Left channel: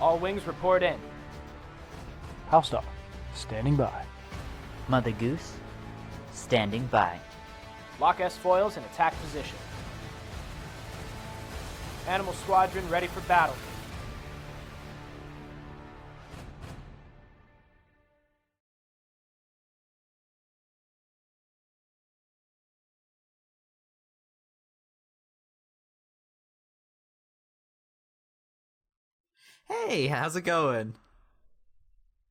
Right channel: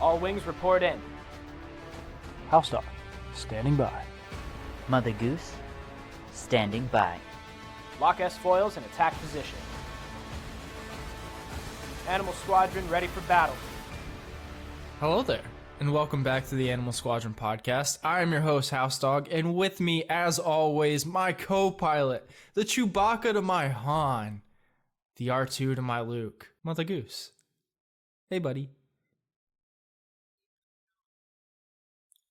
All wings report in. HouseDog, standing by. Mother Goose, standing by. Lock S-foils in attack position. Animal Squadron ready for battle. Hello there, and welcome back to the Animal Squadron podcast. I am your host, HouseDog, and with me, as always, my co-pilot, the Chewbacca to my Han, the R2 to my Luke, Mother Goose. Hey, buddy. Hey, how's it going?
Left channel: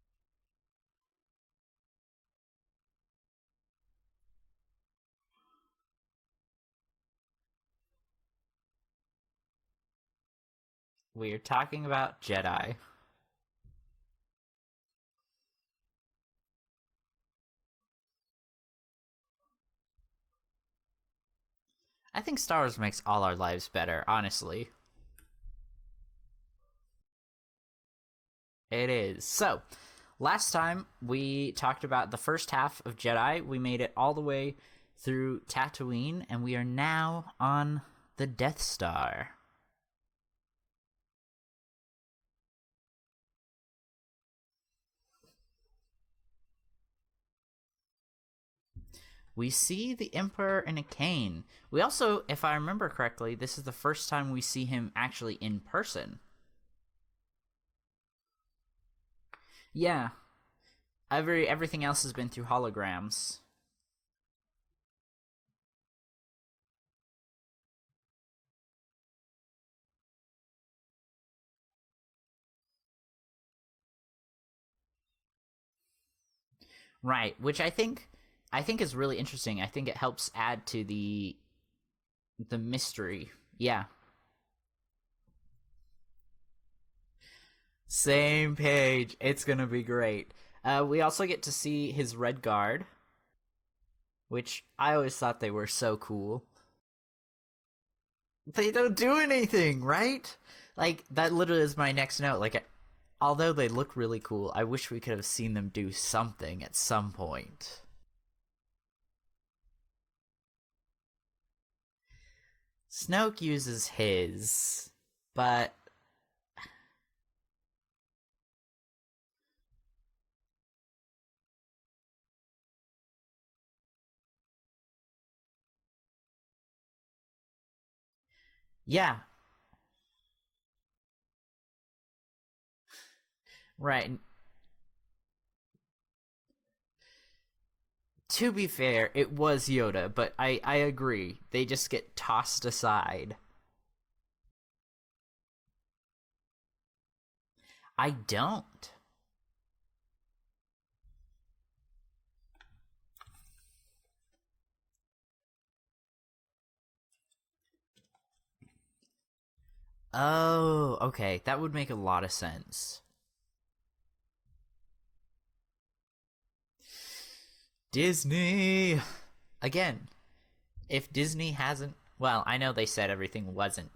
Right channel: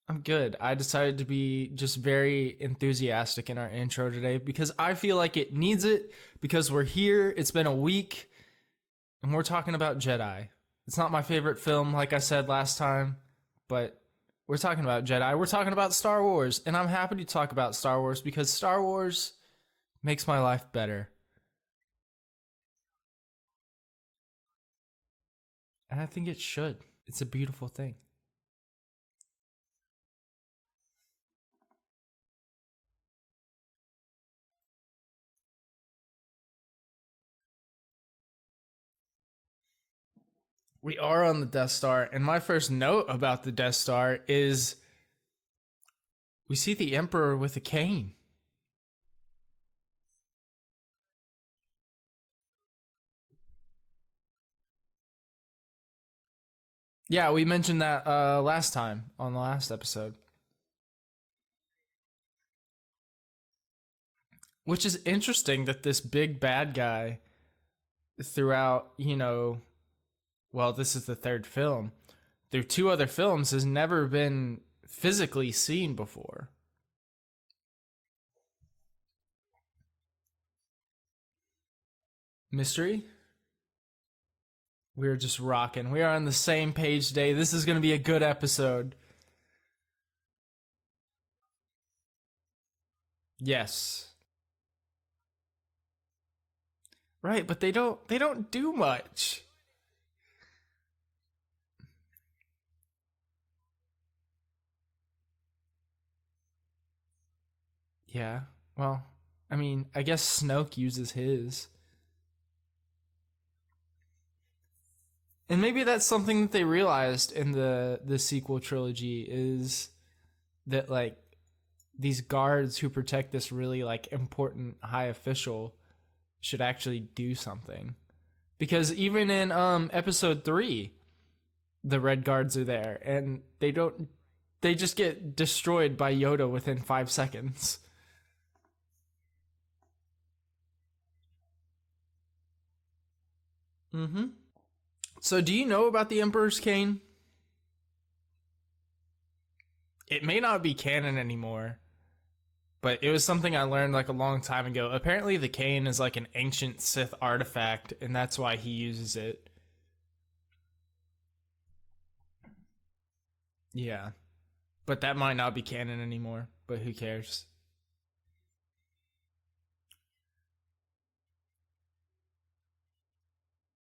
I'm good. I decided to be just very enthusiastic in our intro today because I feel like it needs it, because we're here, it's been a week, and we're talking about Jedi. It's not my favorite film, like I said last time, but we're talking about Jedi. We're talking about Star Wars, and I'm happy to talk about Star Wars because Star Wars makes my life better. I think Star Wars makes all our lives better, honestly. And I think it should. It's a beautiful thing. It is. So, last time we talked about the first half of Jedi. We made it all the way through Tatooine, and we are now on the Death Star. We are on the Death Star, and my first note about the Death Star is we see the Emperor with a cane. We see the Emperor in a cane. We also, if I remember correctly, this is the first time we see him actually in person. Yeah, we mentioned that last time on the last episode. Yeah. Everything else has been through holograms. Which is interesting that this big bad guy throughout, well, this is the third film, through two other films has never been physically seen before. Right, which I think is really interesting. I think it helps add to the mystery. Yeah. We're just rocking. We are on the same page today. This is going to be a good episode. Same page. It's going to be great. We also get to see his Red Guard. Yes. Which I always thought they were so cool. Right, but they don't do anything, right? Like, that literally is my next note. Like, although they look really cool, I wish we could have seen them do something at some point. Yeah, well, I mean, I guess Snoke uses his. But... And maybe that's something that they realized in the sequel trilogy is that, like, these guards who protect this really, like, important high official should actually do something. Because even in episode 3, the Red Guards are there, and they don't... Right. They just get destroyed by Yoda within 5 seconds. To be fair, it was Yoda, but I agree. They just get tossed aside. Mm-hmm. So do you know about the Emperor's cane? I don't. It may not be canon anymore, but it was something I learned like a long time ago. Apparently the cane is like an ancient Sith artifact, and that's why he uses it. Oh, okay. That would make a lot of sense. Yeah. But that might not be canon anymore, but who cares? Disney! Again, if Disney hasn't... Well, I know they said everything wasn't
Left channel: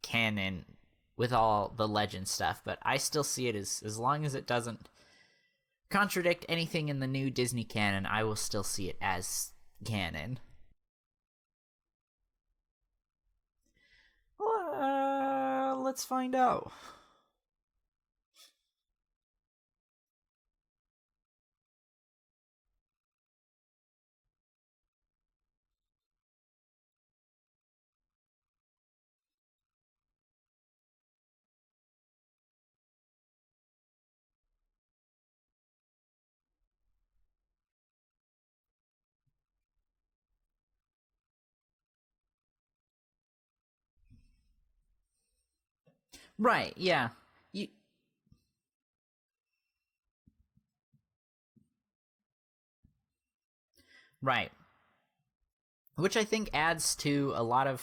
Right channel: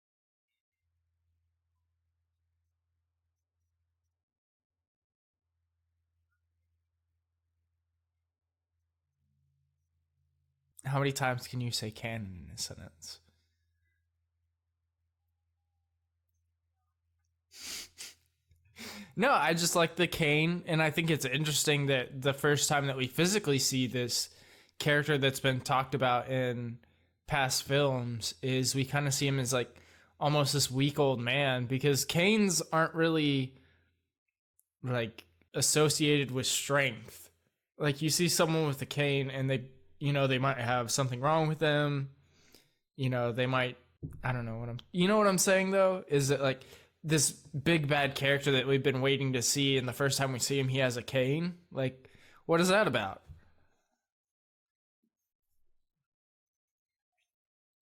canon with all the legend stuff, but I still see it as long as it doesn't contradict anything in the new Disney canon, I will still see it as canon. How many times can you say canon in a sentence? Let's find out. No, I just like the cane, and I think it's interesting that the first time that we physically see this character that's been talked about in past films is we kind of see him as like almost this weak old man, because canes aren't really like associated with strength. Like you see someone with a cane and they might have something wrong with them. They might, I don't know what I'm saying though, is that like, right, yeah. This big bad character that we've been waiting to see, and the first time we see him, he has a cane. Like, what is that about? Right. Which I think adds to a lot of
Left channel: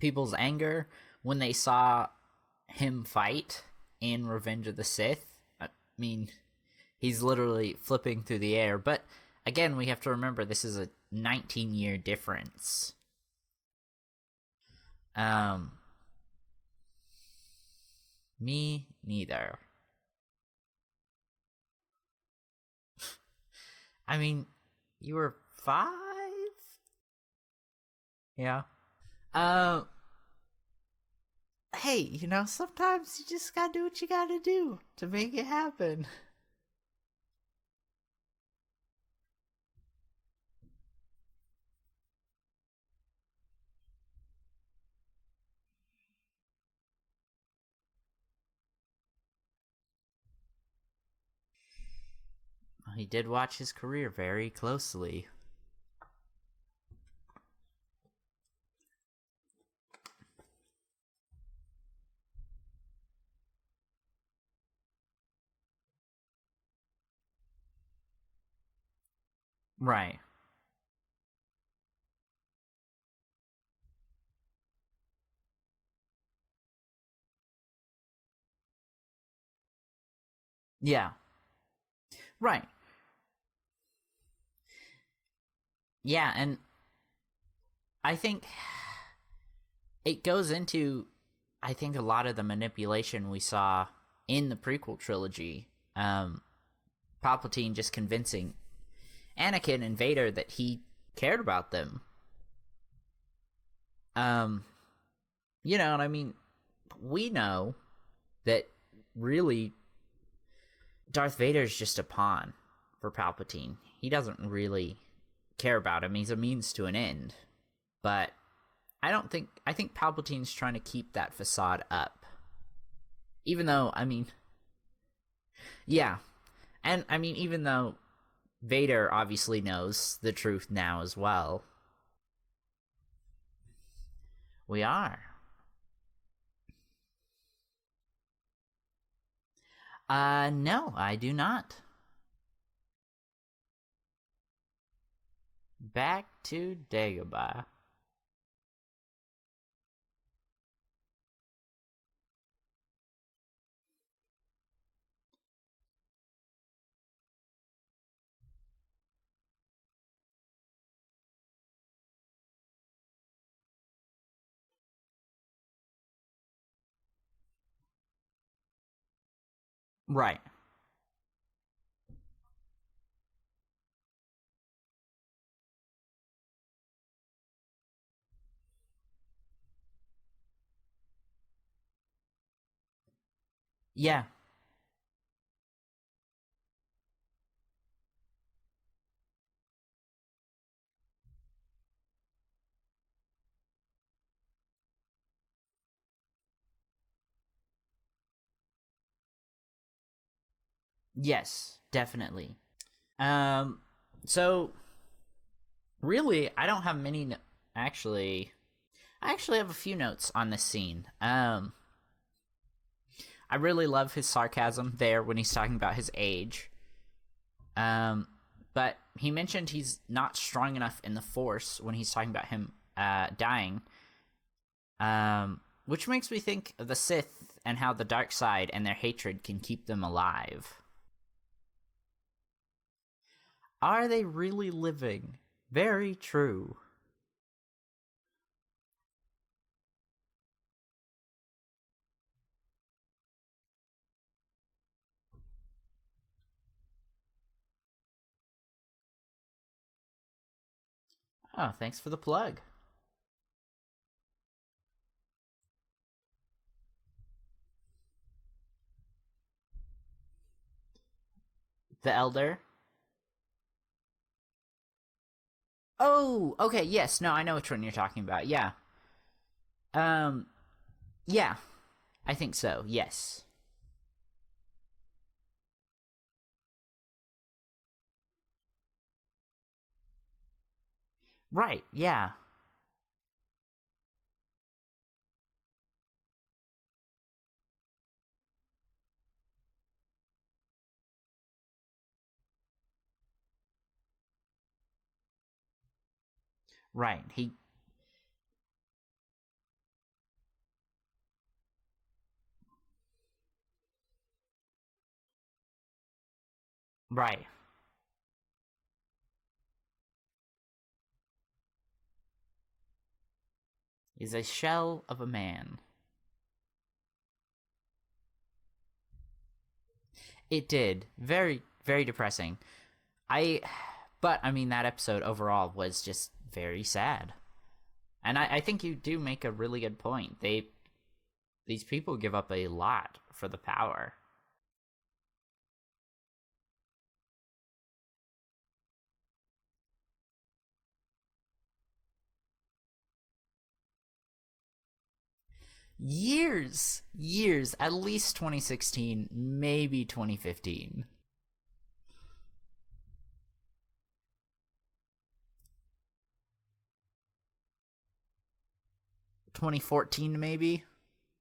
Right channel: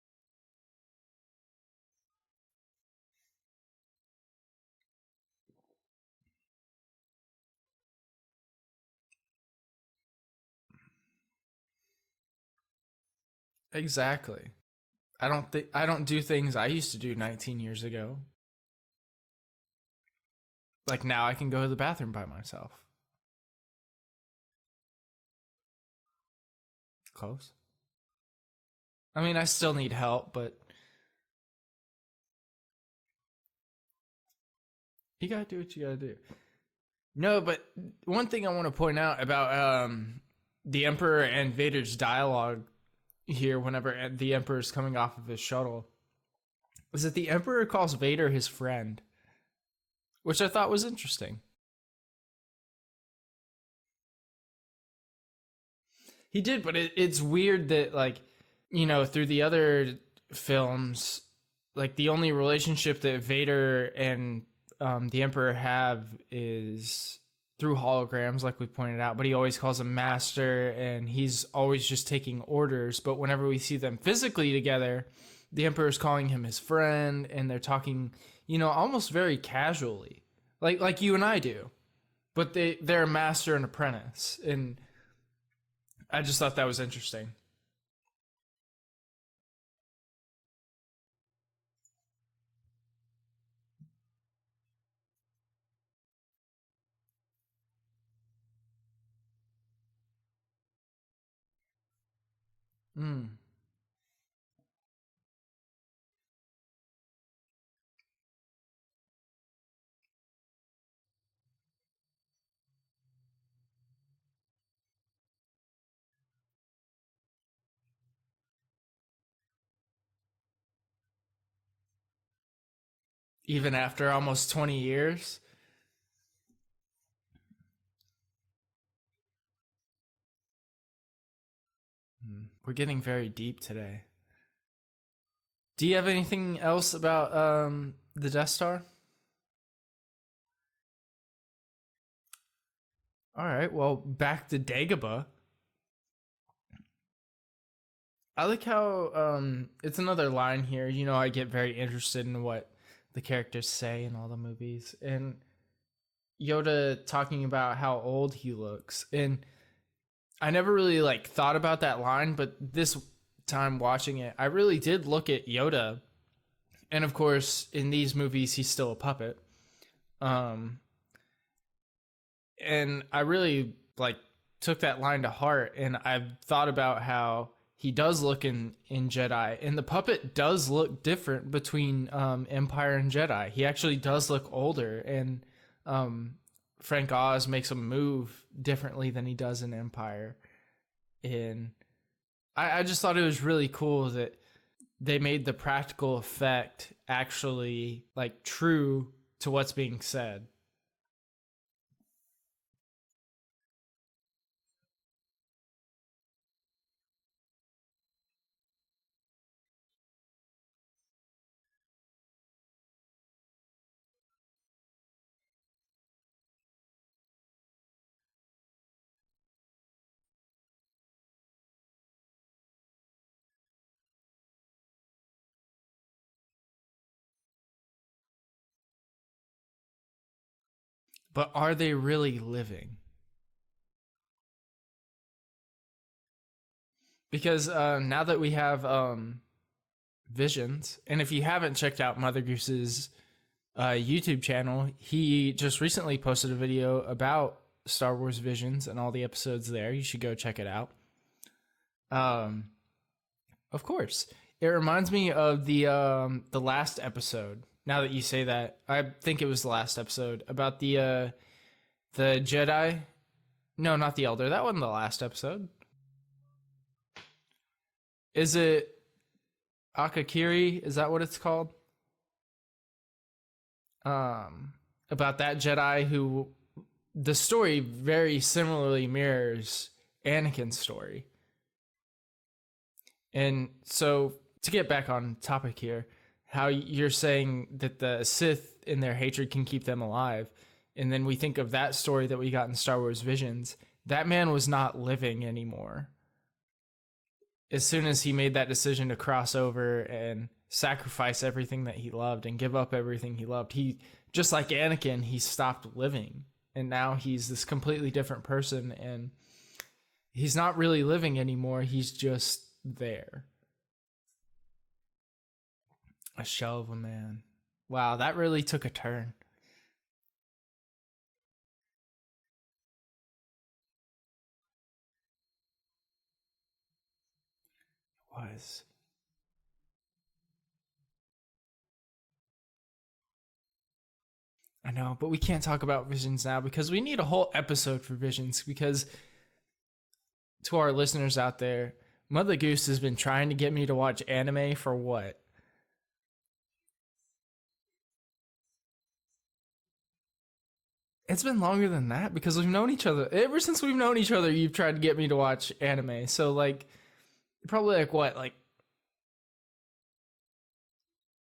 people's anger when they saw him fight in Revenge of the Sith. I mean, he's literally flipping through the air. But again, we have to remember this is a 19-year difference. Exactly. I don't do things I used to do 19 years ago. Me neither. Like now I can go to the bathroom by myself. I mean, you were 5? Close. Yeah. I mean, I still need help, but hey, sometimes you just gotta do what you gotta do to make it happen. No, but one thing I want to point out about the Emperor and Vader's dialogue here whenever the Emperor's coming off of his shuttle is that the Emperor calls Vader his friend, which I thought was interesting. He did watch his career very closely. He did, but it's weird that, like, through the other films, like, the only relationship that Vader and the Emperor have is through holograms, like we pointed out, but he always calls him master, and he's always just taking orders. But whenever we see them physically together, the Emperor's calling him his friend, and they're talking, almost very casually, like you and I do. But they're a master and apprentice, and I just thought that was interesting. I think it goes into, a lot of the manipulation we saw in the prequel trilogy. Palpatine just convincing Anakin and Vader that he cared about them. You know what I mean? We know that really Darth Vader's just a pawn for Palpatine. He doesn't really care about him. He's a means to an end. But I think Palpatine's trying to keep that facade up. Even though, after almost 20 years? Yeah. And, even though Vader obviously knows the truth now as well. We're getting very deep today. We are. Do you have anything else about the Death Star? No, I do not. All right, well, back to Dagobah. Back to Dagobah. I like how it's another line here. I get very interested in what the characters say in all the movies. And Yoda talking about how old he looks. And I never really thought about that line, but this time watching it, I really did look at Yoda. And of course, in these movies, he's still a puppet. Right. And I really took that line to heart, and I've thought about how he does look in Jedi, and the puppet does look different between Empire and Jedi. He actually does look older, and Frank Oz makes him move differently than he does in Empire. And I just thought it was really cool that they made the practical effect actually true to what's being said. Yes, definitely. So really, I don't have many. I actually have a few notes on this scene. I really love his sarcasm there when he's talking about his age. But he mentioned he's not strong enough in the Force when he's talking about him dying. Which makes me think of the Sith and how the dark side and their hatred can keep them alive. But are they really living? Are they really living? Very true. Because now that we have Visions, and if you haven't checked out Mother Goose's YouTube channel, he just recently posted a video about Star Wars Visions and all the episodes there. You should go check it out. Oh, thanks for the plug. Of course. It reminds me of the last episode. Now that you say that, I think it was the last episode about the Elder? Jedi. No, not the Elder. That wasn't the last episode. Oh, okay. Yes. No, I know which one you're talking about. Is it Akakiri? Is that what it's called? I think so. Yes. About that Jedi who the story very similarly mirrors Anakin's story. Right. Yeah. And so to get back on topic here, how you're saying that the Sith in their hatred can keep them alive. And then we think of that story that we got in Star Wars Visions. That man was not living anymore. Right. As soon as he made that decision to cross over and sacrifice everything that he loved and give up everything he loved, he, just like Anakin, he stopped living. And now he's this completely different person, and he's not really living anymore. He's just there. He's a shell of a man. A shell of a man. Wow, that really took a turn. It did. Very, very depressing. But that episode overall was just very sad. And I think you do make a really good point. These people give up a lot for the power. I know, but we can't talk about Visions now because we need a whole episode for Visions. Because to our listeners out there, Mother Goose has been trying to get me to watch anime for what? Years, at least 2016, maybe 2015. It's been longer than that because we've known each other. Ever since we've known each other, you've tried to get me to watch anime. So, like, probably like what? Like 2014, maybe?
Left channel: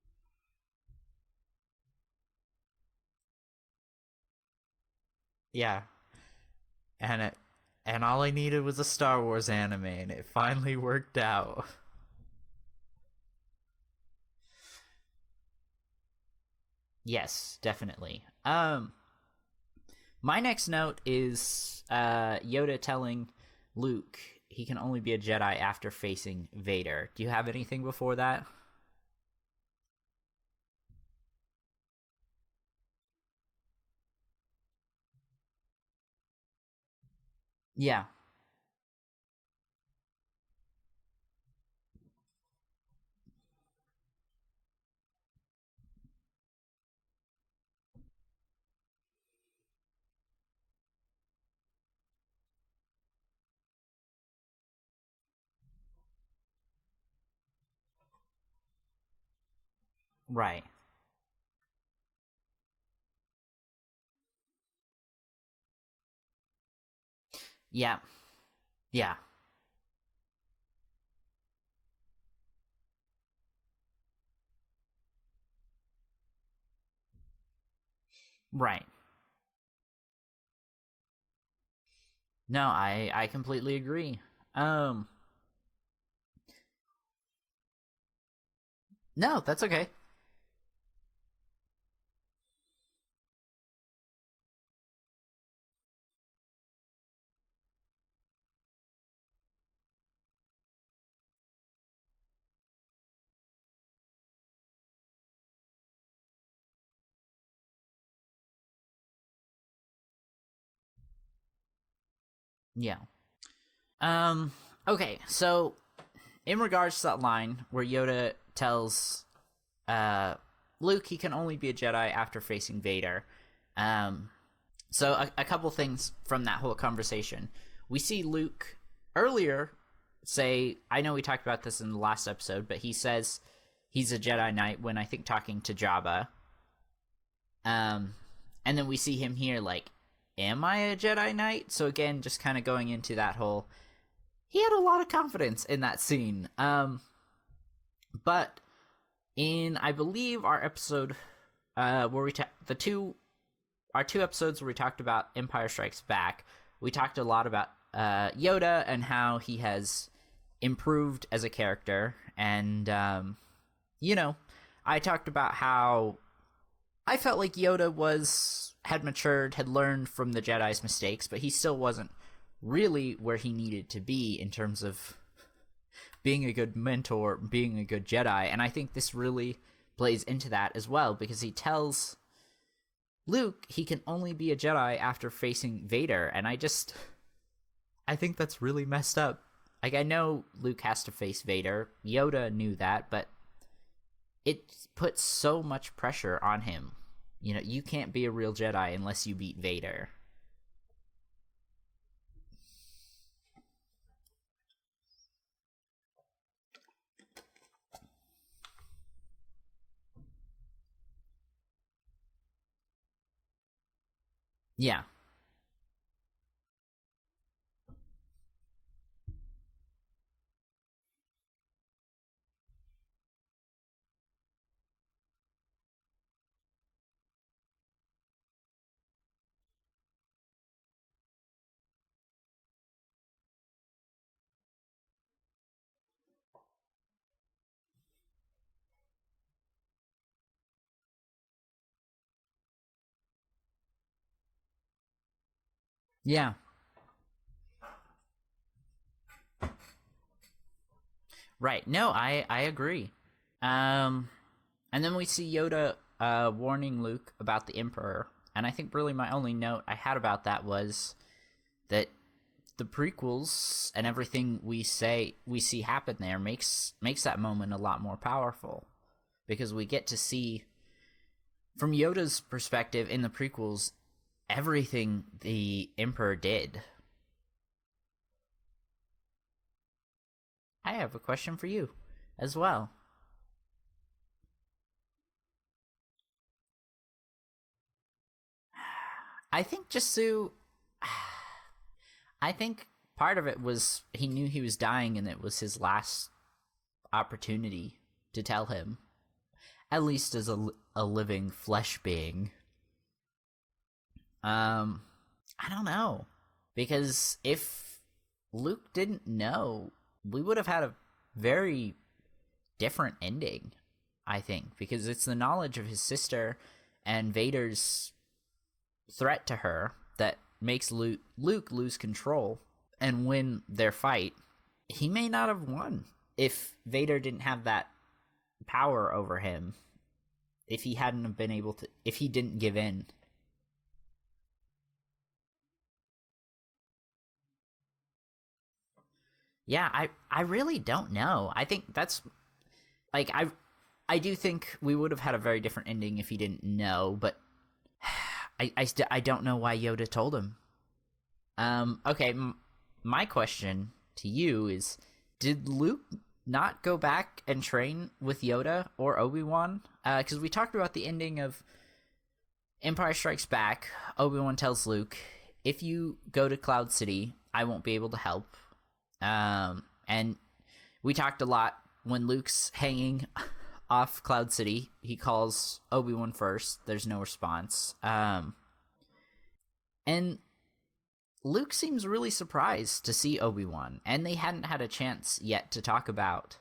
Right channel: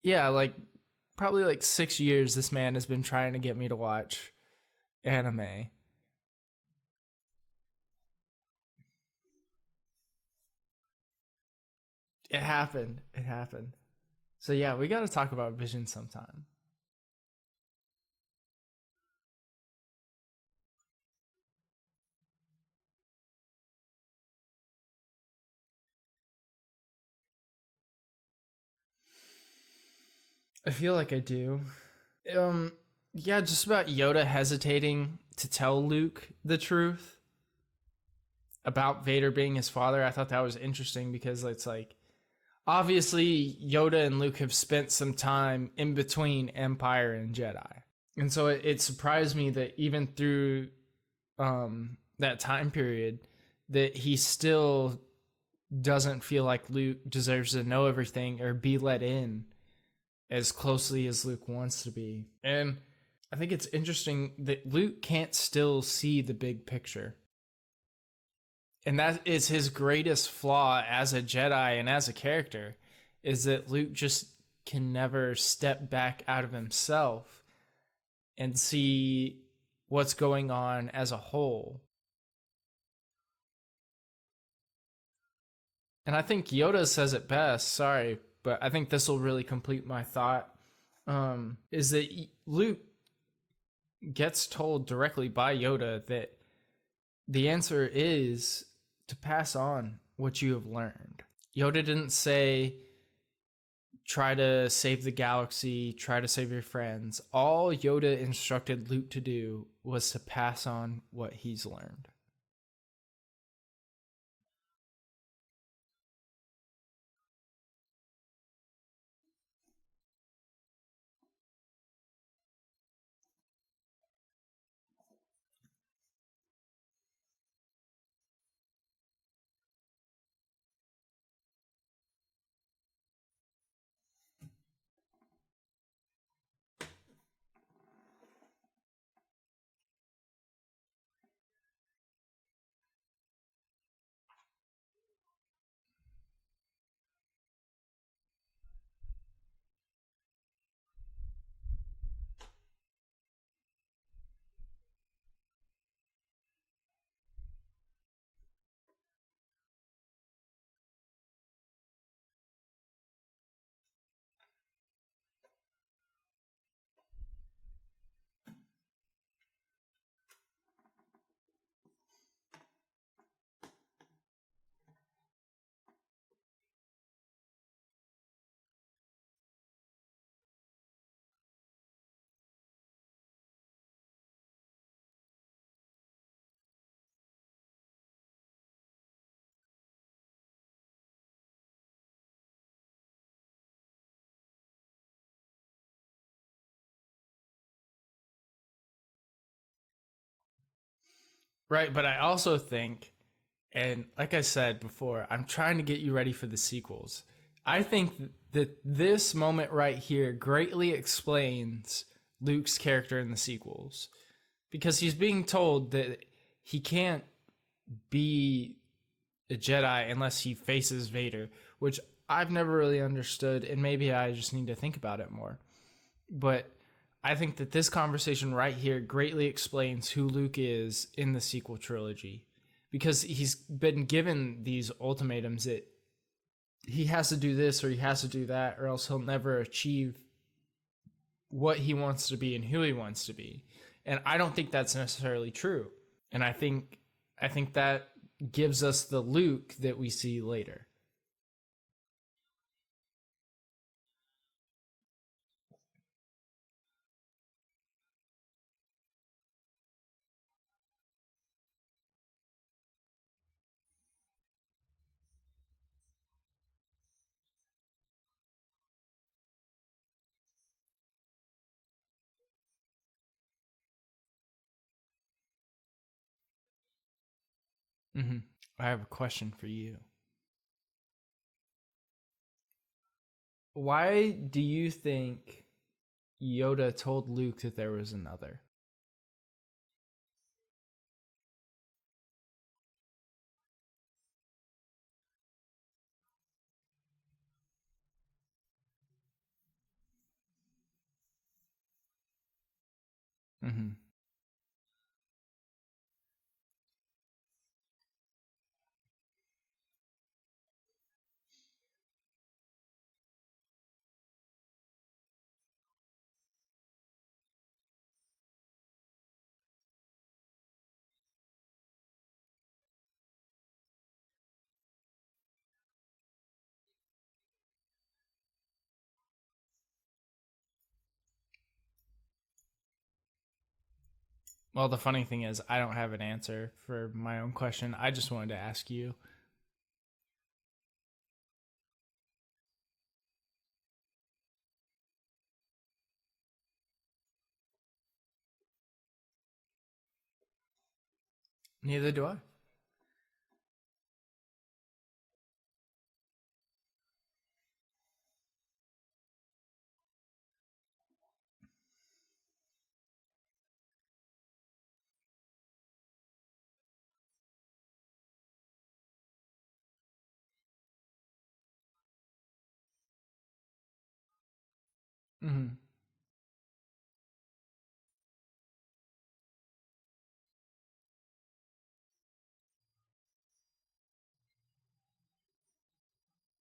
Yeah, like probably like 6 years this man has been trying to get me to watch anime. Yeah. And all I needed was a Star Wars anime, and it finally worked out. It happened. So yeah, we got to talk about Vision sometime. Yes, definitely. My next note is Yoda telling Luke he can only be a Jedi after facing Vader. Do you have anything before that? I feel like I do. Yeah, just about Yoda hesitating to tell Luke the truth. Yeah. About Vader being his father. I thought that was interesting because it's like, obviously Yoda and Luke have spent some time in between Empire and Jedi. And so it surprised me that even through that time period, that he still doesn't feel like Luke deserves to know everything or be let in as closely as Luke wants to be. And I think it's interesting that Luke can't still see the big picture. Yeah. And that is his greatest flaw as a Jedi and as a character, is that Luke just can never step back out of himself and see what's going on as a whole. No, I completely agree. And I think Yoda says it best. Sorry, but I think this will really complete my thought. Is that Luke gets told directly by Yoda that the answer is to pass on what you have learned. Yoda didn't say, try to save the galaxy, try to save your friends. All Yoda instructed Luke to do was to pass on what he's learned. Yeah. Okay, so in regards to that line where Yoda tells Luke he can only be a Jedi after facing Vader, so a couple things from that whole conversation. We see Luke earlier say, I know we talked about this in the last episode, but he says he's a Jedi Knight when I think talking to Jabba. And then we see him here like, am I a Jedi Knight? So again, just kind of going into that whole, he had a lot of confidence in that scene. But in, I believe, our episode where we our two episodes where we talked about Empire Strikes Back, we talked a lot about Yoda and how he has improved as a character. And, I talked about how I felt like Yoda had matured, had learned from the Jedi's mistakes, but he still wasn't really where he needed to be in terms of being a good mentor, being a good Jedi. And I think this really plays into that as well, because he tells Luke he can only be a Jedi after facing Vader. And I think that's really messed up. Like, I know Luke has to face Vader. Yoda knew that, but it puts so much pressure on him. You can't be a real Jedi unless you beat Vader. Right, but I also think, and like I said before, I'm trying to get you ready for the sequels. I think that this moment right here greatly explains Luke's character in the sequels. Because he's being told that he can't be a Jedi unless he faces Vader, which I've never really understood, and maybe I just need to think about it more. But I think that this conversation right here greatly explains who Luke is in the sequel trilogy, because he's been given these ultimatums that he has to do this or he has to do that, or else he'll never achieve what he wants to be and who he wants to be. And I don't think that's necessarily true. Yeah. And I think that gives us the Luke that we see later. Right. No, I agree. And then we see Yoda warning Luke about the Emperor. And I think really my only note I had about that was that the prequels and everything we see happen there makes that moment a lot more powerful. because we get to see, from Yoda's perspective in the prequels, everything the Emperor did. Mm-hmm. I have a question for you. I have a question for you as well. Why do you think Yoda told Luke that there was another? I think I think part of it was he knew he was dying and it was his last opportunity to tell him, at least as a living flesh being. Mm-hmm. I don't know, because if Luke didn't know, we would have had a very different ending, I think, because it's the knowledge of his sister and Vader's threat to her that makes Luke lose control and win their fight. He may not have won if Vader didn't have that power over him, if he hadn't have been able to, if he didn't give in. Well, the funny thing is, I don't have an answer for my own question. I just wanted to ask you. Yeah, I really don't know. I think that's, like, I do think we would have had a very different ending if he didn't know, but I don't know why Yoda told him. Okay, my question to you is, did Luke not go back and train with Yoda or Obi-Wan? Because we talked about the ending of Empire Strikes Back. Obi-Wan tells Luke, if you go to Cloud City, I won't be able to help. And we talked a lot when Luke's hanging off Cloud City. He calls Obi-Wan first. There's no response. And Luke seems really surprised to see Obi-Wan, and they hadn't had a chance yet to talk about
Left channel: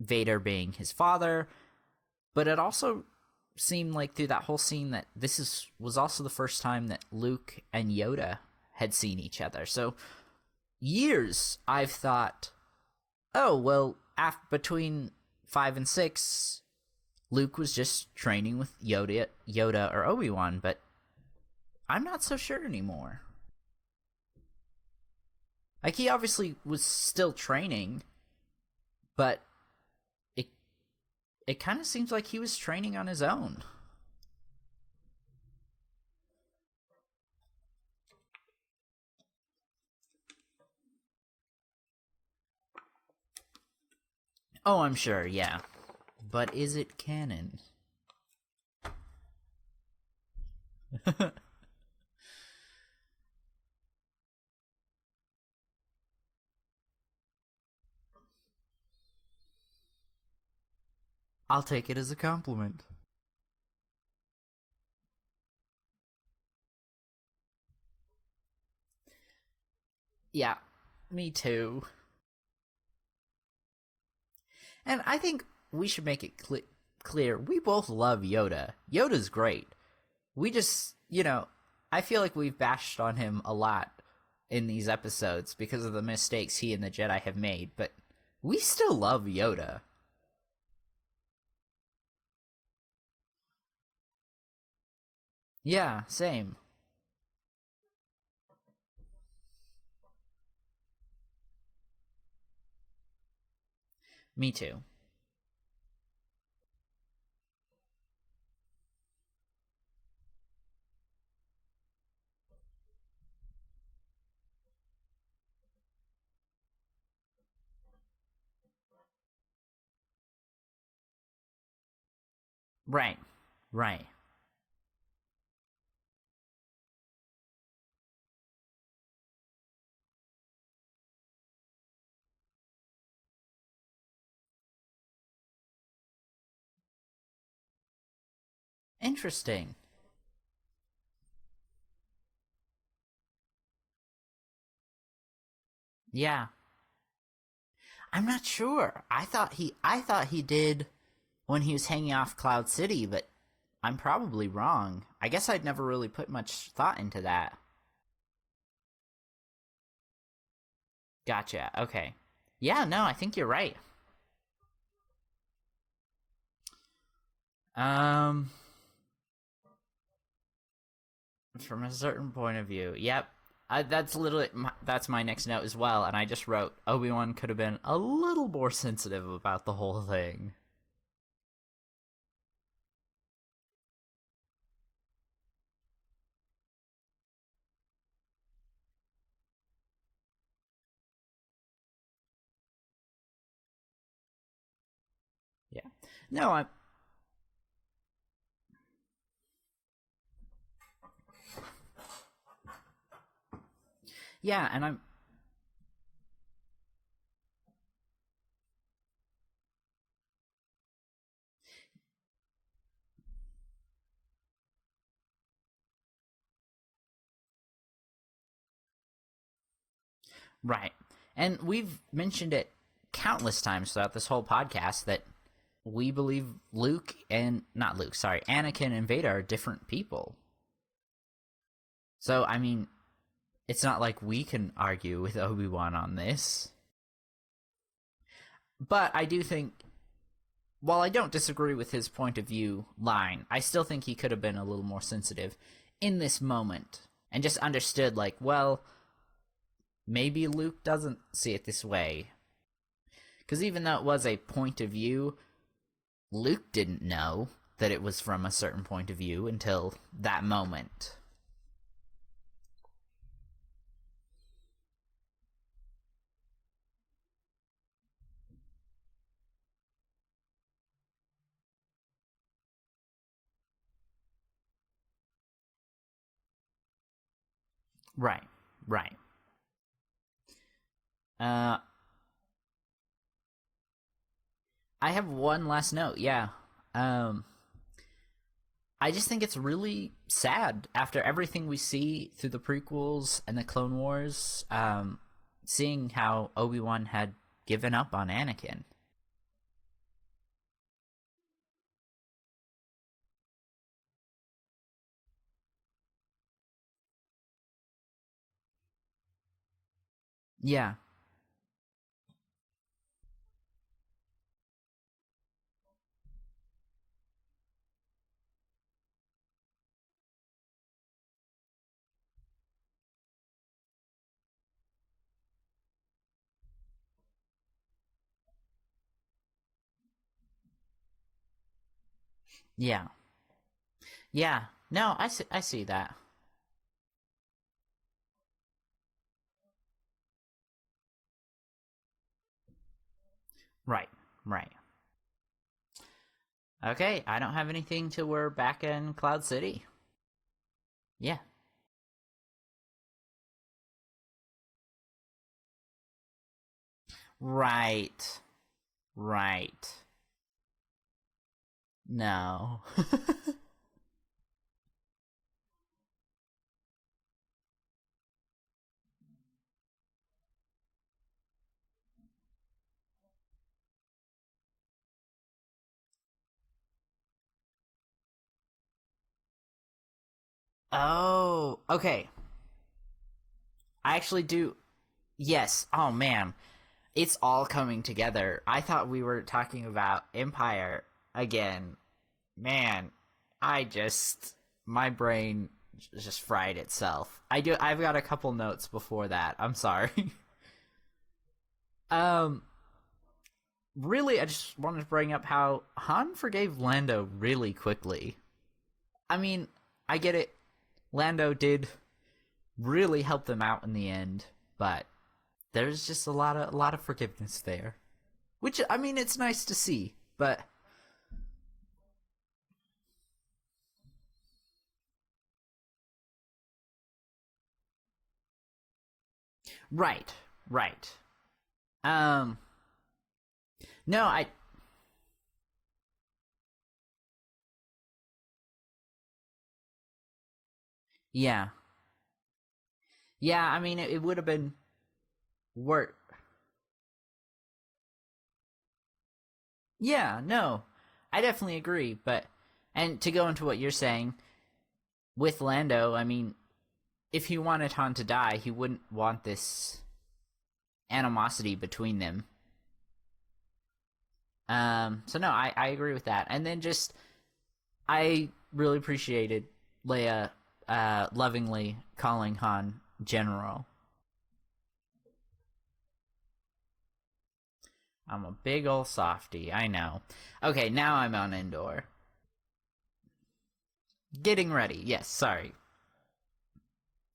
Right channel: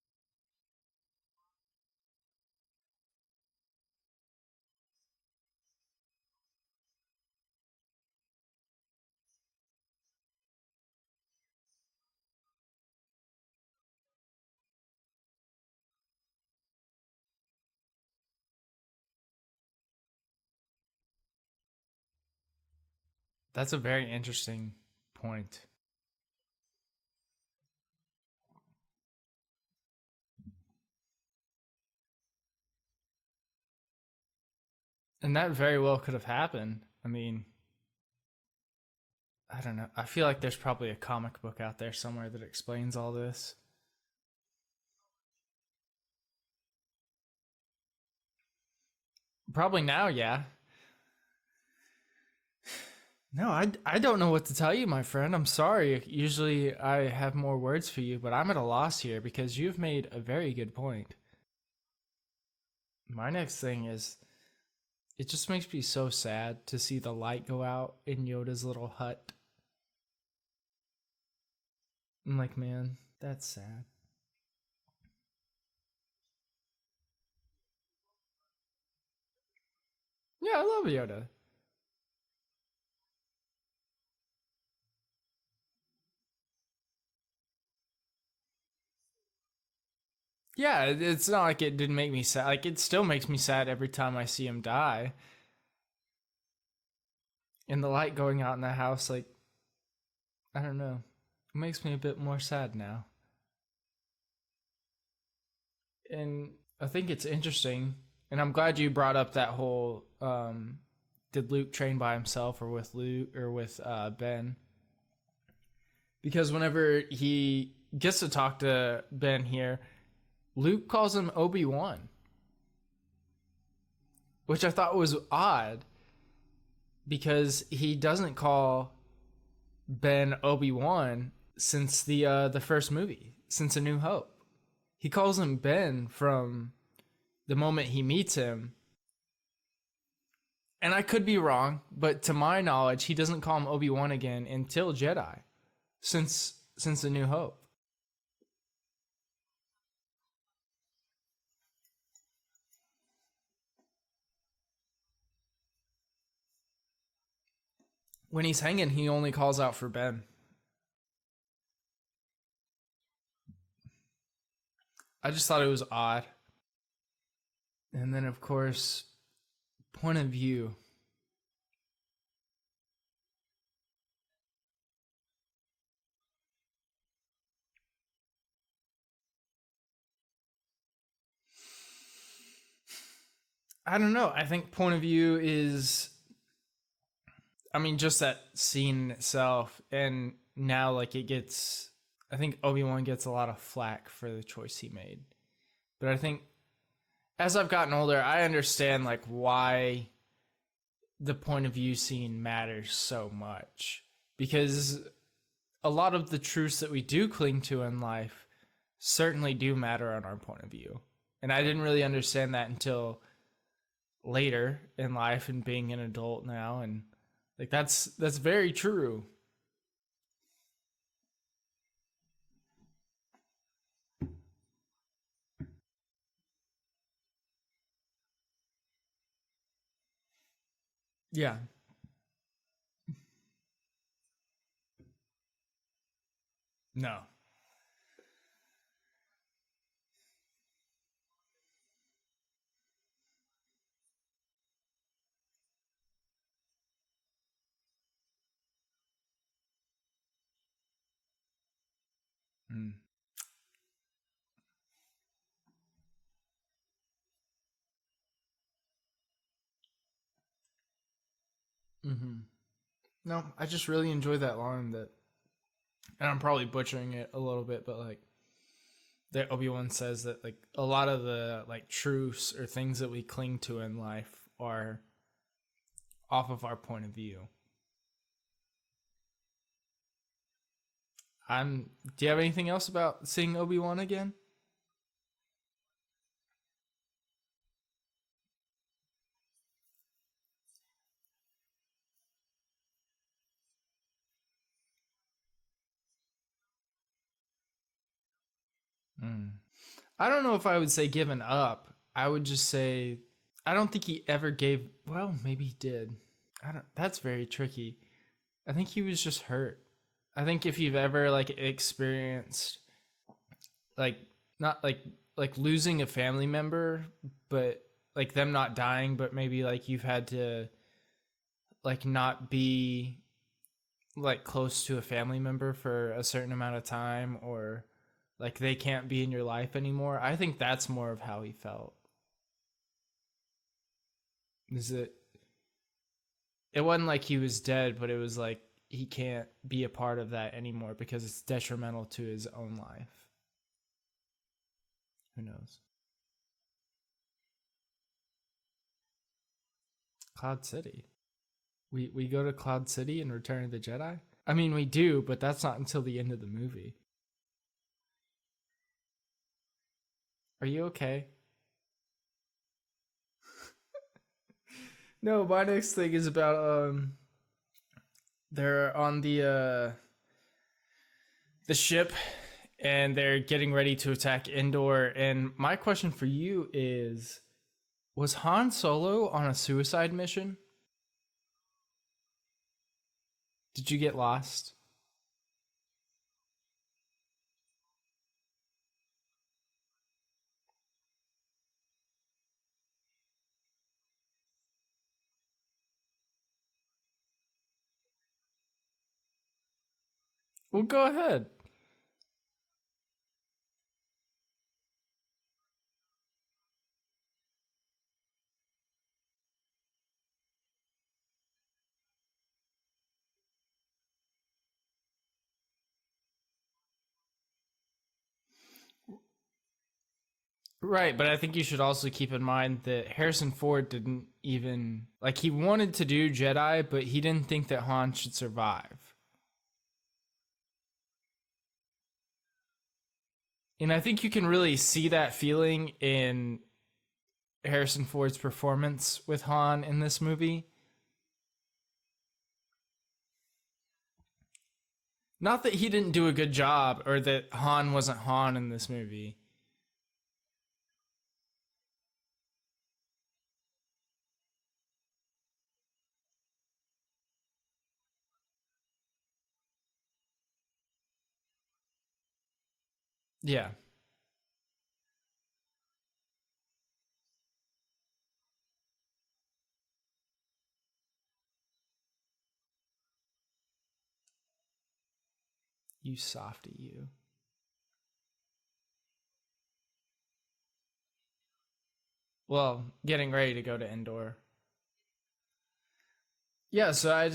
Vader being his father, but it also seemed like through that whole scene that this was also the first time that Luke and Yoda had seen each other. So years I've thought, oh, well, between 5 and 6, Luke was just training with Yoda or Obi-Wan, but I'm not so sure anymore. That's a very interesting point. Like, he obviously was still training, but it kind of seems like he was training on his own. And that very well could have happened. I mean, I don't know. I feel like there's probably a comic book out there somewhere that explains all this. Oh, I'm sure, yeah. But is it canon? Probably now, yeah. No, I don't know what to tell you, my friend. I'm sorry. Usually I have more words for you, but I'm at a loss here because you've made a very good point. I'll take it as a compliment. My next thing is, it just makes me so sad to see the light go out in Yoda's little hut. Yeah, me too. I'm like, man, that's sad. And I think we should make it clear, we both love Yoda. Yoda's great. I love Yoda. I feel like we've bashed on him a lot in these episodes because of the mistakes he and the Jedi have made, but we still love Yoda. Yeah, it's not like it didn't make me sad. Like, it still makes me sad every time I see him die. Yeah, same. And the light going out in the house, like, I don't know. It makes me a bit more sad now. Me too. And I think it's interesting, and I'm glad you brought up that whole, did Luke train by himself or with Luke or with Ben? Because whenever he gets to talk to Ben here, Luke calls him Obi-Wan. Right. Which I thought was odd, because he doesn't call Ben Obi-Wan since the first movie, since A New Hope. He calls him Ben from the moment he meets him. Interesting. And I could be wrong, but to my knowledge, he doesn't call him Obi-Wan again until Jedi. Since A New Hope. I'm not sure. I thought he did when he was hanging off Cloud City, but I'm probably wrong. I guess I'd never really put much thought into that. When he's hanging, he only calls out for Ben. Gotcha. Okay. Yeah, no, I think you're right. I just thought it was odd. And then, of course, point of view. From a certain point of view. Yep. That's my next note as well, and I just wrote, Obi-Wan could have been a little more sensitive about the whole thing. I don't know. I think point of view is, I mean, just that scene itself, and now like it gets. I think Obi-Wan gets a lot of flack for the choice he made. Yeah. But I think No, as I've gotten older, I understand like why the point of view scene matters so much, Yeah, because a lot of the truths that we do cling to in life certainly do matter on our point of view. And I didn't really understand that until later in life and being an adult now, and like that's very true. right. And we've mentioned it countless times throughout this whole podcast that we believe Anakin and Vader are different people. Yeah. So, I mean, it's not like we can argue with Obi-Wan on this. No. But I do think, while I don't disagree with his point of view line, I still think he could have been a little more sensitive in this moment and just understood, like, well, maybe Luke doesn't see it this way. Because even though it was a point of view, Luke didn't know that it was from a certain point of view until that moment. Mm-hmm. No, I just really enjoy that line that, and I'm probably butchering it a little bit, but like that Obi-Wan says that like a lot of the like truths or things that we cling to in life are off of our point of view. Right. Do you have anything else about seeing Obi-Wan again? I have one last note, yeah. I just think it's really sad after everything we see through the prequels and the Clone Wars, seeing how Obi-Wan had given up on Anakin. I don't know if I would say given up. I would just say I don't think he ever gave. Well, maybe he did. That's very tricky. I think he was just hurt. I think if you've ever like experienced like not like losing a family member, but like them not dying, but maybe like you've had to like not be like close to a family member for a certain amount of time, or like they can't be in your life anymore. I think that's more of how he felt. Yeah. No, I see that. It wasn't like he was dead, but it was like he can't be a part of that anymore because it's detrimental to his own life. Right. Who knows? Okay, I don't have anything till we're back in Cloud City. Cloud City? Yeah. We go to Cloud City in Return of the Jedi? I mean, we do, but that's not until the end of the movie. Right. Are you okay? No. No, my next thing is about they're on the ship and they're getting ready to attack Endor, and my question for you is, was Han Solo on a suicide mission? Oh, okay. Did you get I actually lost? do. Yes. Oh man, it's all coming together. I thought we were talking about Empire again. Man, my brain just fried itself. I've got a couple notes before that. I'm sorry. Well, go ahead. Really, I just wanted to bring up how Han forgave Lando really quickly. I mean, I get it. Lando did really help them out in the end, but there's just a lot of forgiveness there. Which, I mean, it's nice to see, but... Right, but I think you should also keep in mind that Harrison Ford didn't even... Like, he wanted to do Jedi, but he didn't think that Han should survive. Right. And I think you can really see that feeling in Harrison Ford's performance with Han in this movie. Yeah, I mean, it would have been... Not that he didn't do a good job, or that Han wasn't Han in this movie. Yeah, no, I definitely agree, but... And to go into what you're saying, with Lando, I mean, if he wanted Han to die, he wouldn't want this animosity between them. Yeah. So no, I agree with that. And then just, I really appreciated Leia lovingly calling Han General. You softy, you. I'm a big ol' softy, I know. Okay, now I'm on Endor. Well, getting ready to go to Endor. Getting ready. Yes, sorry. Yeah, so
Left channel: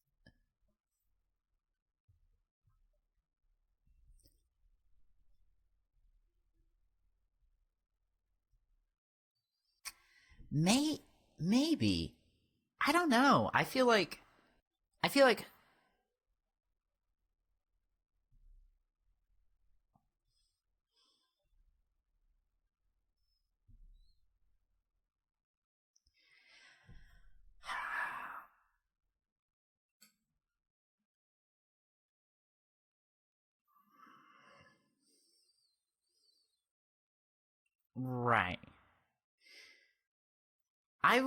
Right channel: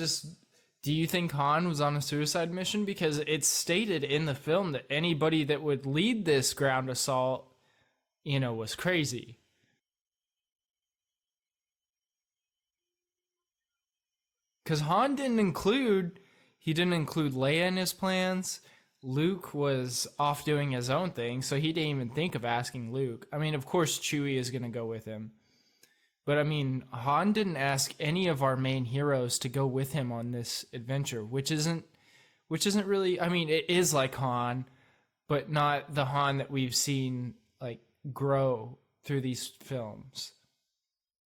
do you think Han was on a suicide mission? Because it's stated in the film that anybody that would lead this ground assault, was crazy. Maybe. I don't know. I feel like... Because Han didn't include Leia in his plans. Luke was off doing his own thing, so he didn't even think of asking Luke. I mean, of course, Chewie is going to go with him. But, I mean, Han didn't ask any of our main heroes to go with him on this adventure, which isn't really... I mean, it is like Han, but not the Han that we've seen, grow through these films. I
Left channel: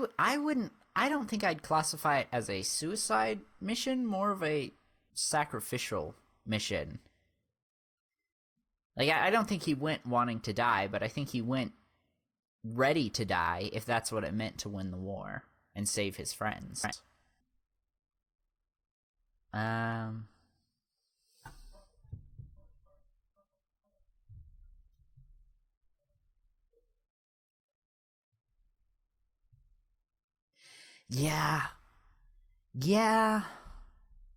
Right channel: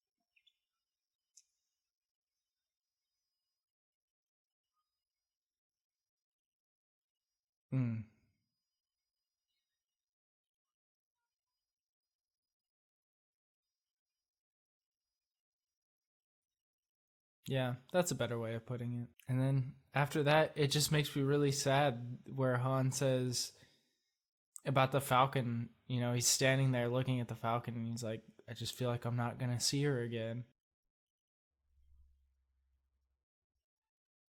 don't think I'd classify it as a suicide mission, more of a sacrificial mission. I don't think he went wanting to die, but I think he went ready to die, if that's what it meant to win the war and save his friends. Yeah, that's a better way of putting it. And then after that, it just makes me really sad where Han says about the Falcon, he's standing there looking at the Falcon and he's like, I just feel like I'm not going to see her again. Yeah,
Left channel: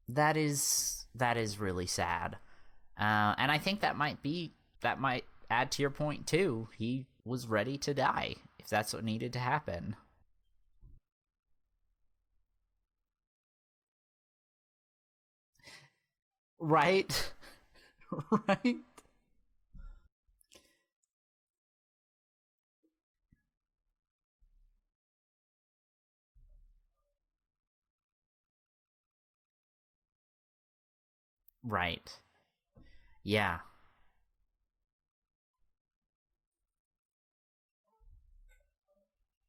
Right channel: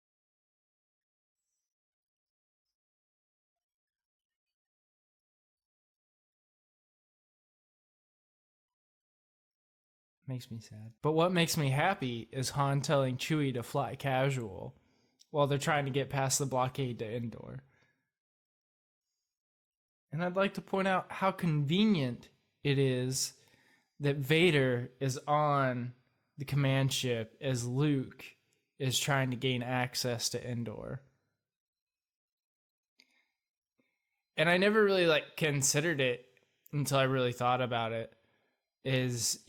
that is really sad. And I think that might add to your point too. He was ready to die if that's what needed to happen. Makes me sad. But what makes me happy is Han telling Chewie to fly casual while they're trying to get past the blockade to Endor. Right. And I'd like to point out how convenient it is that Vader is on the command ship as Luke is trying to gain access to Endor. Right. Yeah. And I never really considered it until I really thought about it. Is,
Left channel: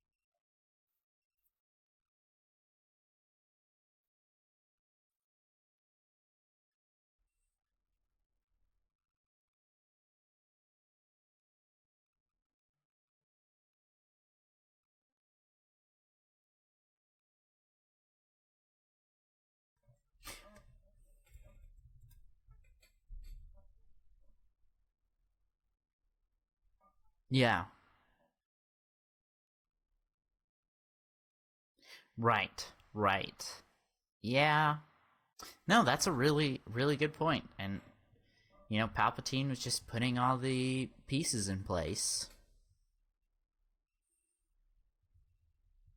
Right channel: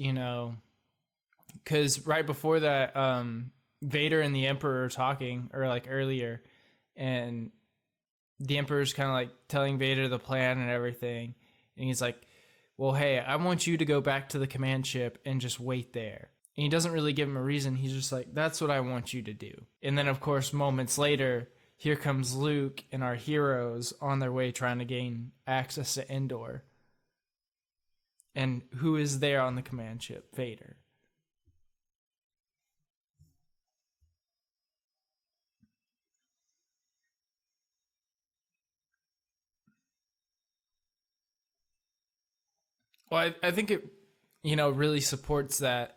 because right before that, Vader and the Emperor are talking, or earlier, and the Emperor's kind of telling Vader the plan and everything. And he's like, well, hey, I want you to go back to the command ship and just wait there. And he doesn't really give him a reason. He's just like, that's what I want you to do. And then, of course, moments later, here comes Luke and our heroes on their way trying to gain access to Endor. Yeah. And who is there on the command ship? Vader. Right. Yeah. No, that's a really, really good point. And, Palpatine was just putting all the pieces in place. Well, I think it, really supports that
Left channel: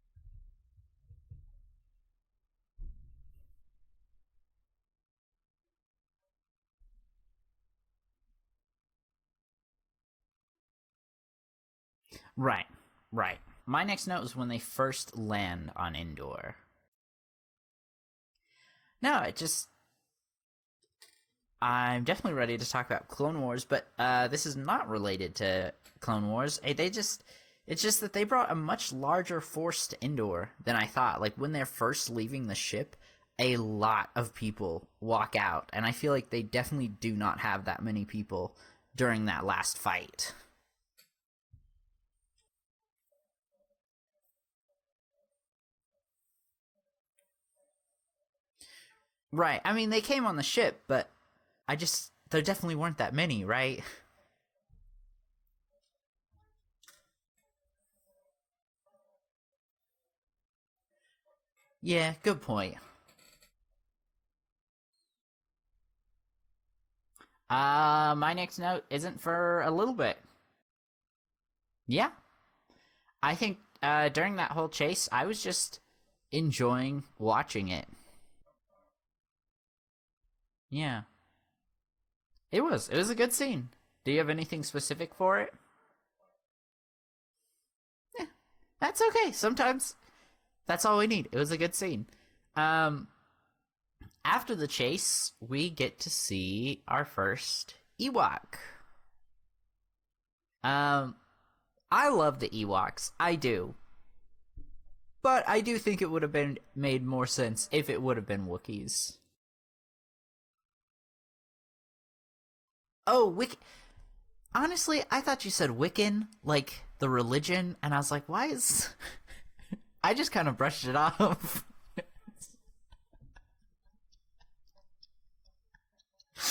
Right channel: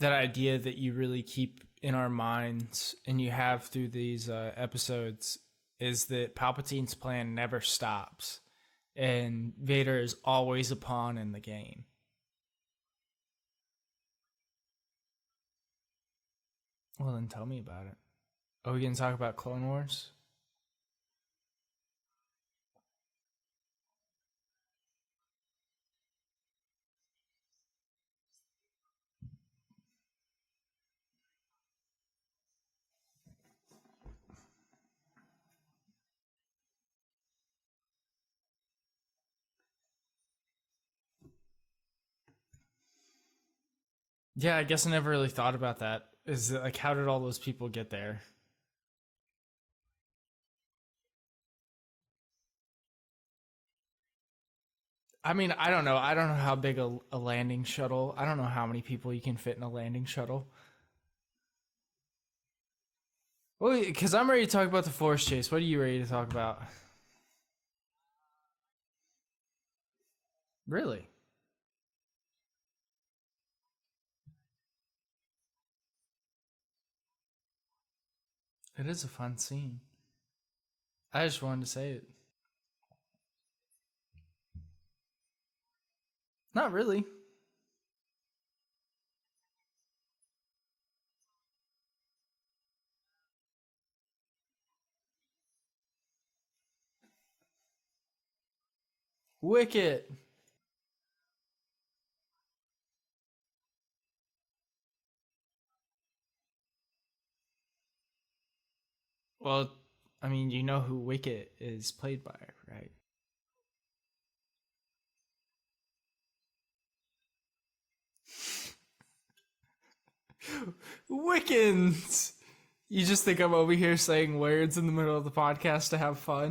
idea that you really keep in our minds and you have through these episodes is that Palpatine's plan never stops and Vader is always a pawn in the game. Right. My next note is when they first land on Endor. Well, then tell me about it. Are we going to talk about Clone Wars? I'm definitely ready to talk about Clone Wars, but this is not related to Clone Wars. It's just that they brought a much larger force to Endor than I thought. When they're first leaving the ship, a lot of people walk out, and I feel like they definitely do not have that many people during that last fight. Yeah, I guess I never really thought about that. Is it how did all those people get there? Right. I mean, they came on the ship, but there definitely weren't that many, right? I mean, I don't know. I don't know how big a landing shuttle. I don't know how many people you can fit in a landing shuttle. Yeah, good point. Well, because I'm ready to talk about the Force Chase. What are you ready to talk about? My next note isn't for a little bit. Really? Yeah. I think during that whole chase, I was just enjoying watching it. It is a fun scene. Yeah. I just wanted to say it. It was a good scene. Do you have anything specific for it? Not really. Yeah, that's okay. Sometimes that's all we need. It was a good scene. After the chase, we get to see our first Ewok. Wicket. I love the Ewoks. I do. But I do think it would have been made more sense if it would have been Wookiees. Well, I mean, you know who Wicket is played by, right? Oh, Wicket. Honestly, I thought you said Wiccan, like the religion, and I was like, why is... I just kind of brushed it off. Wiccans! You just think I'm over here saying words in the middle of the podcast to have fun?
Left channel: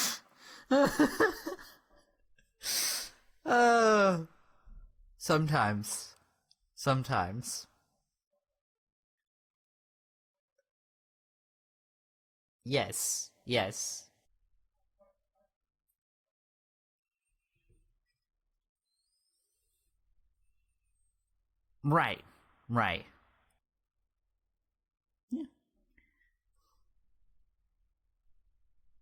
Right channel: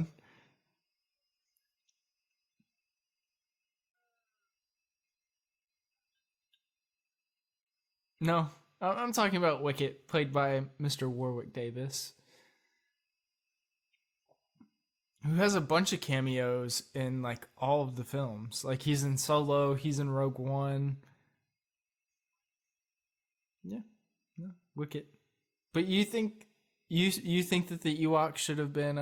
Sometimes. Sometimes. No, I'm talking about Wicket, played by Mr. Warwick Davis, Yes. who has a bunch of cameos in like all of the films. Like he's in Solo, he's in Rogue One. Right. Yeah, Wicket. Yeah. But you think that the Ewoks should have been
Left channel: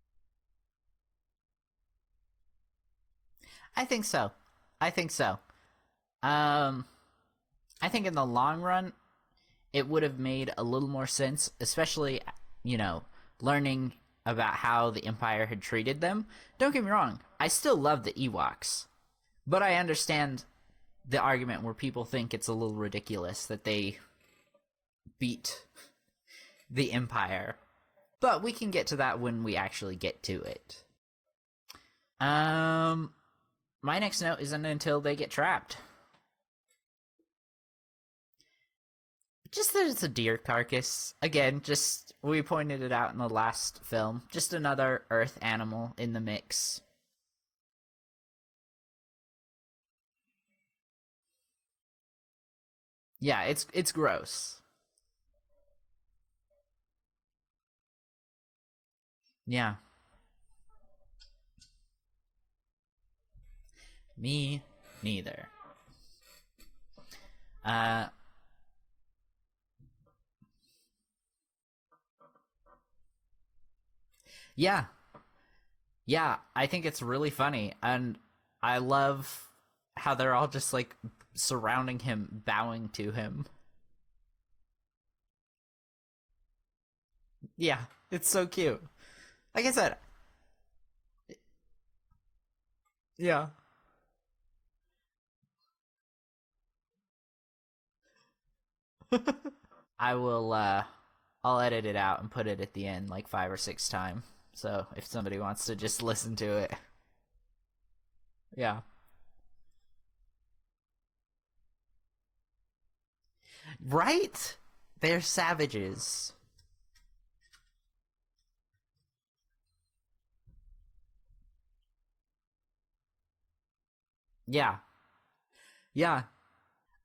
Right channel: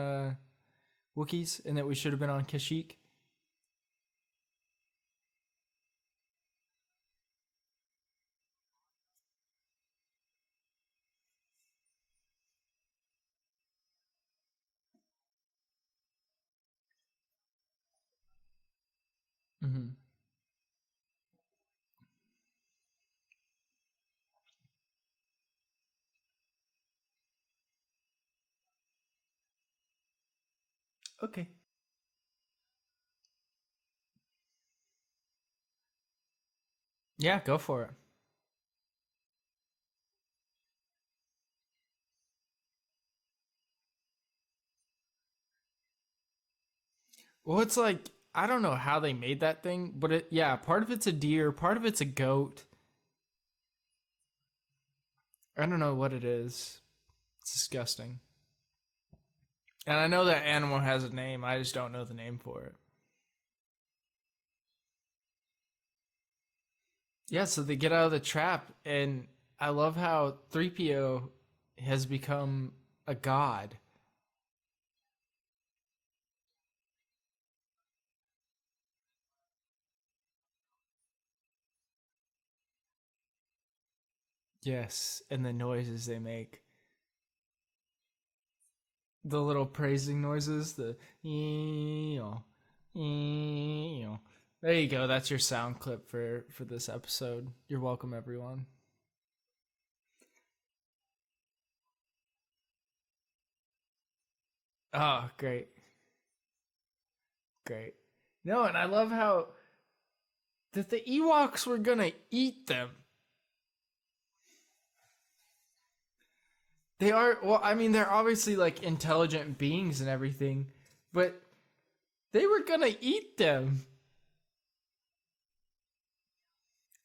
Wookiees and that we should have been on Kashyyyk? I think so. I think in the long run, it would have made a little more sense, especially, learning about how the Empire had treated them. Don't get me wrong, I still love the Ewoks, but I understand the argument where people think it's a little ridiculous that they beat the Empire. But we can get to that when we actually get to it. Okay. My next note isn't until they get trapped. Yeah, go for it. Just that it's a deer carcass. Again, just we pointed it out in the last film. Just another Earth animal in the mix. Well, it's like, I don't know how they made that thing, but part of it's a deer, part of it's a goat. Yeah, it's gross. I don't know what it is. It's disgusting. Yeah. And I know that animal has a name, I just don't know the name for it. Me neither. Yeah, so they get out of the trap, and I love how 3PO has become a god. Yeah, I think it's really funny, and I love how they're all just, like, surrounding him, bowing to him. Yes, and the noises they make. Yeah, it's so cute. The little Like I said- praising noises, the... Yeah. There you go, that's your sound clip for this episode. You're welcome, everyone. I will, I'll edit it out and put it at the end, like, 5 or 6 times. So if somebody great. wants to just listen to it. Great. No, Yeah. and I love how... that the Ewoks were gonna eat them. Right? They're savages. They are, well, I mean, they're obviously, like, intelligent beings and everything, but they were gonna eat them. Yeah. And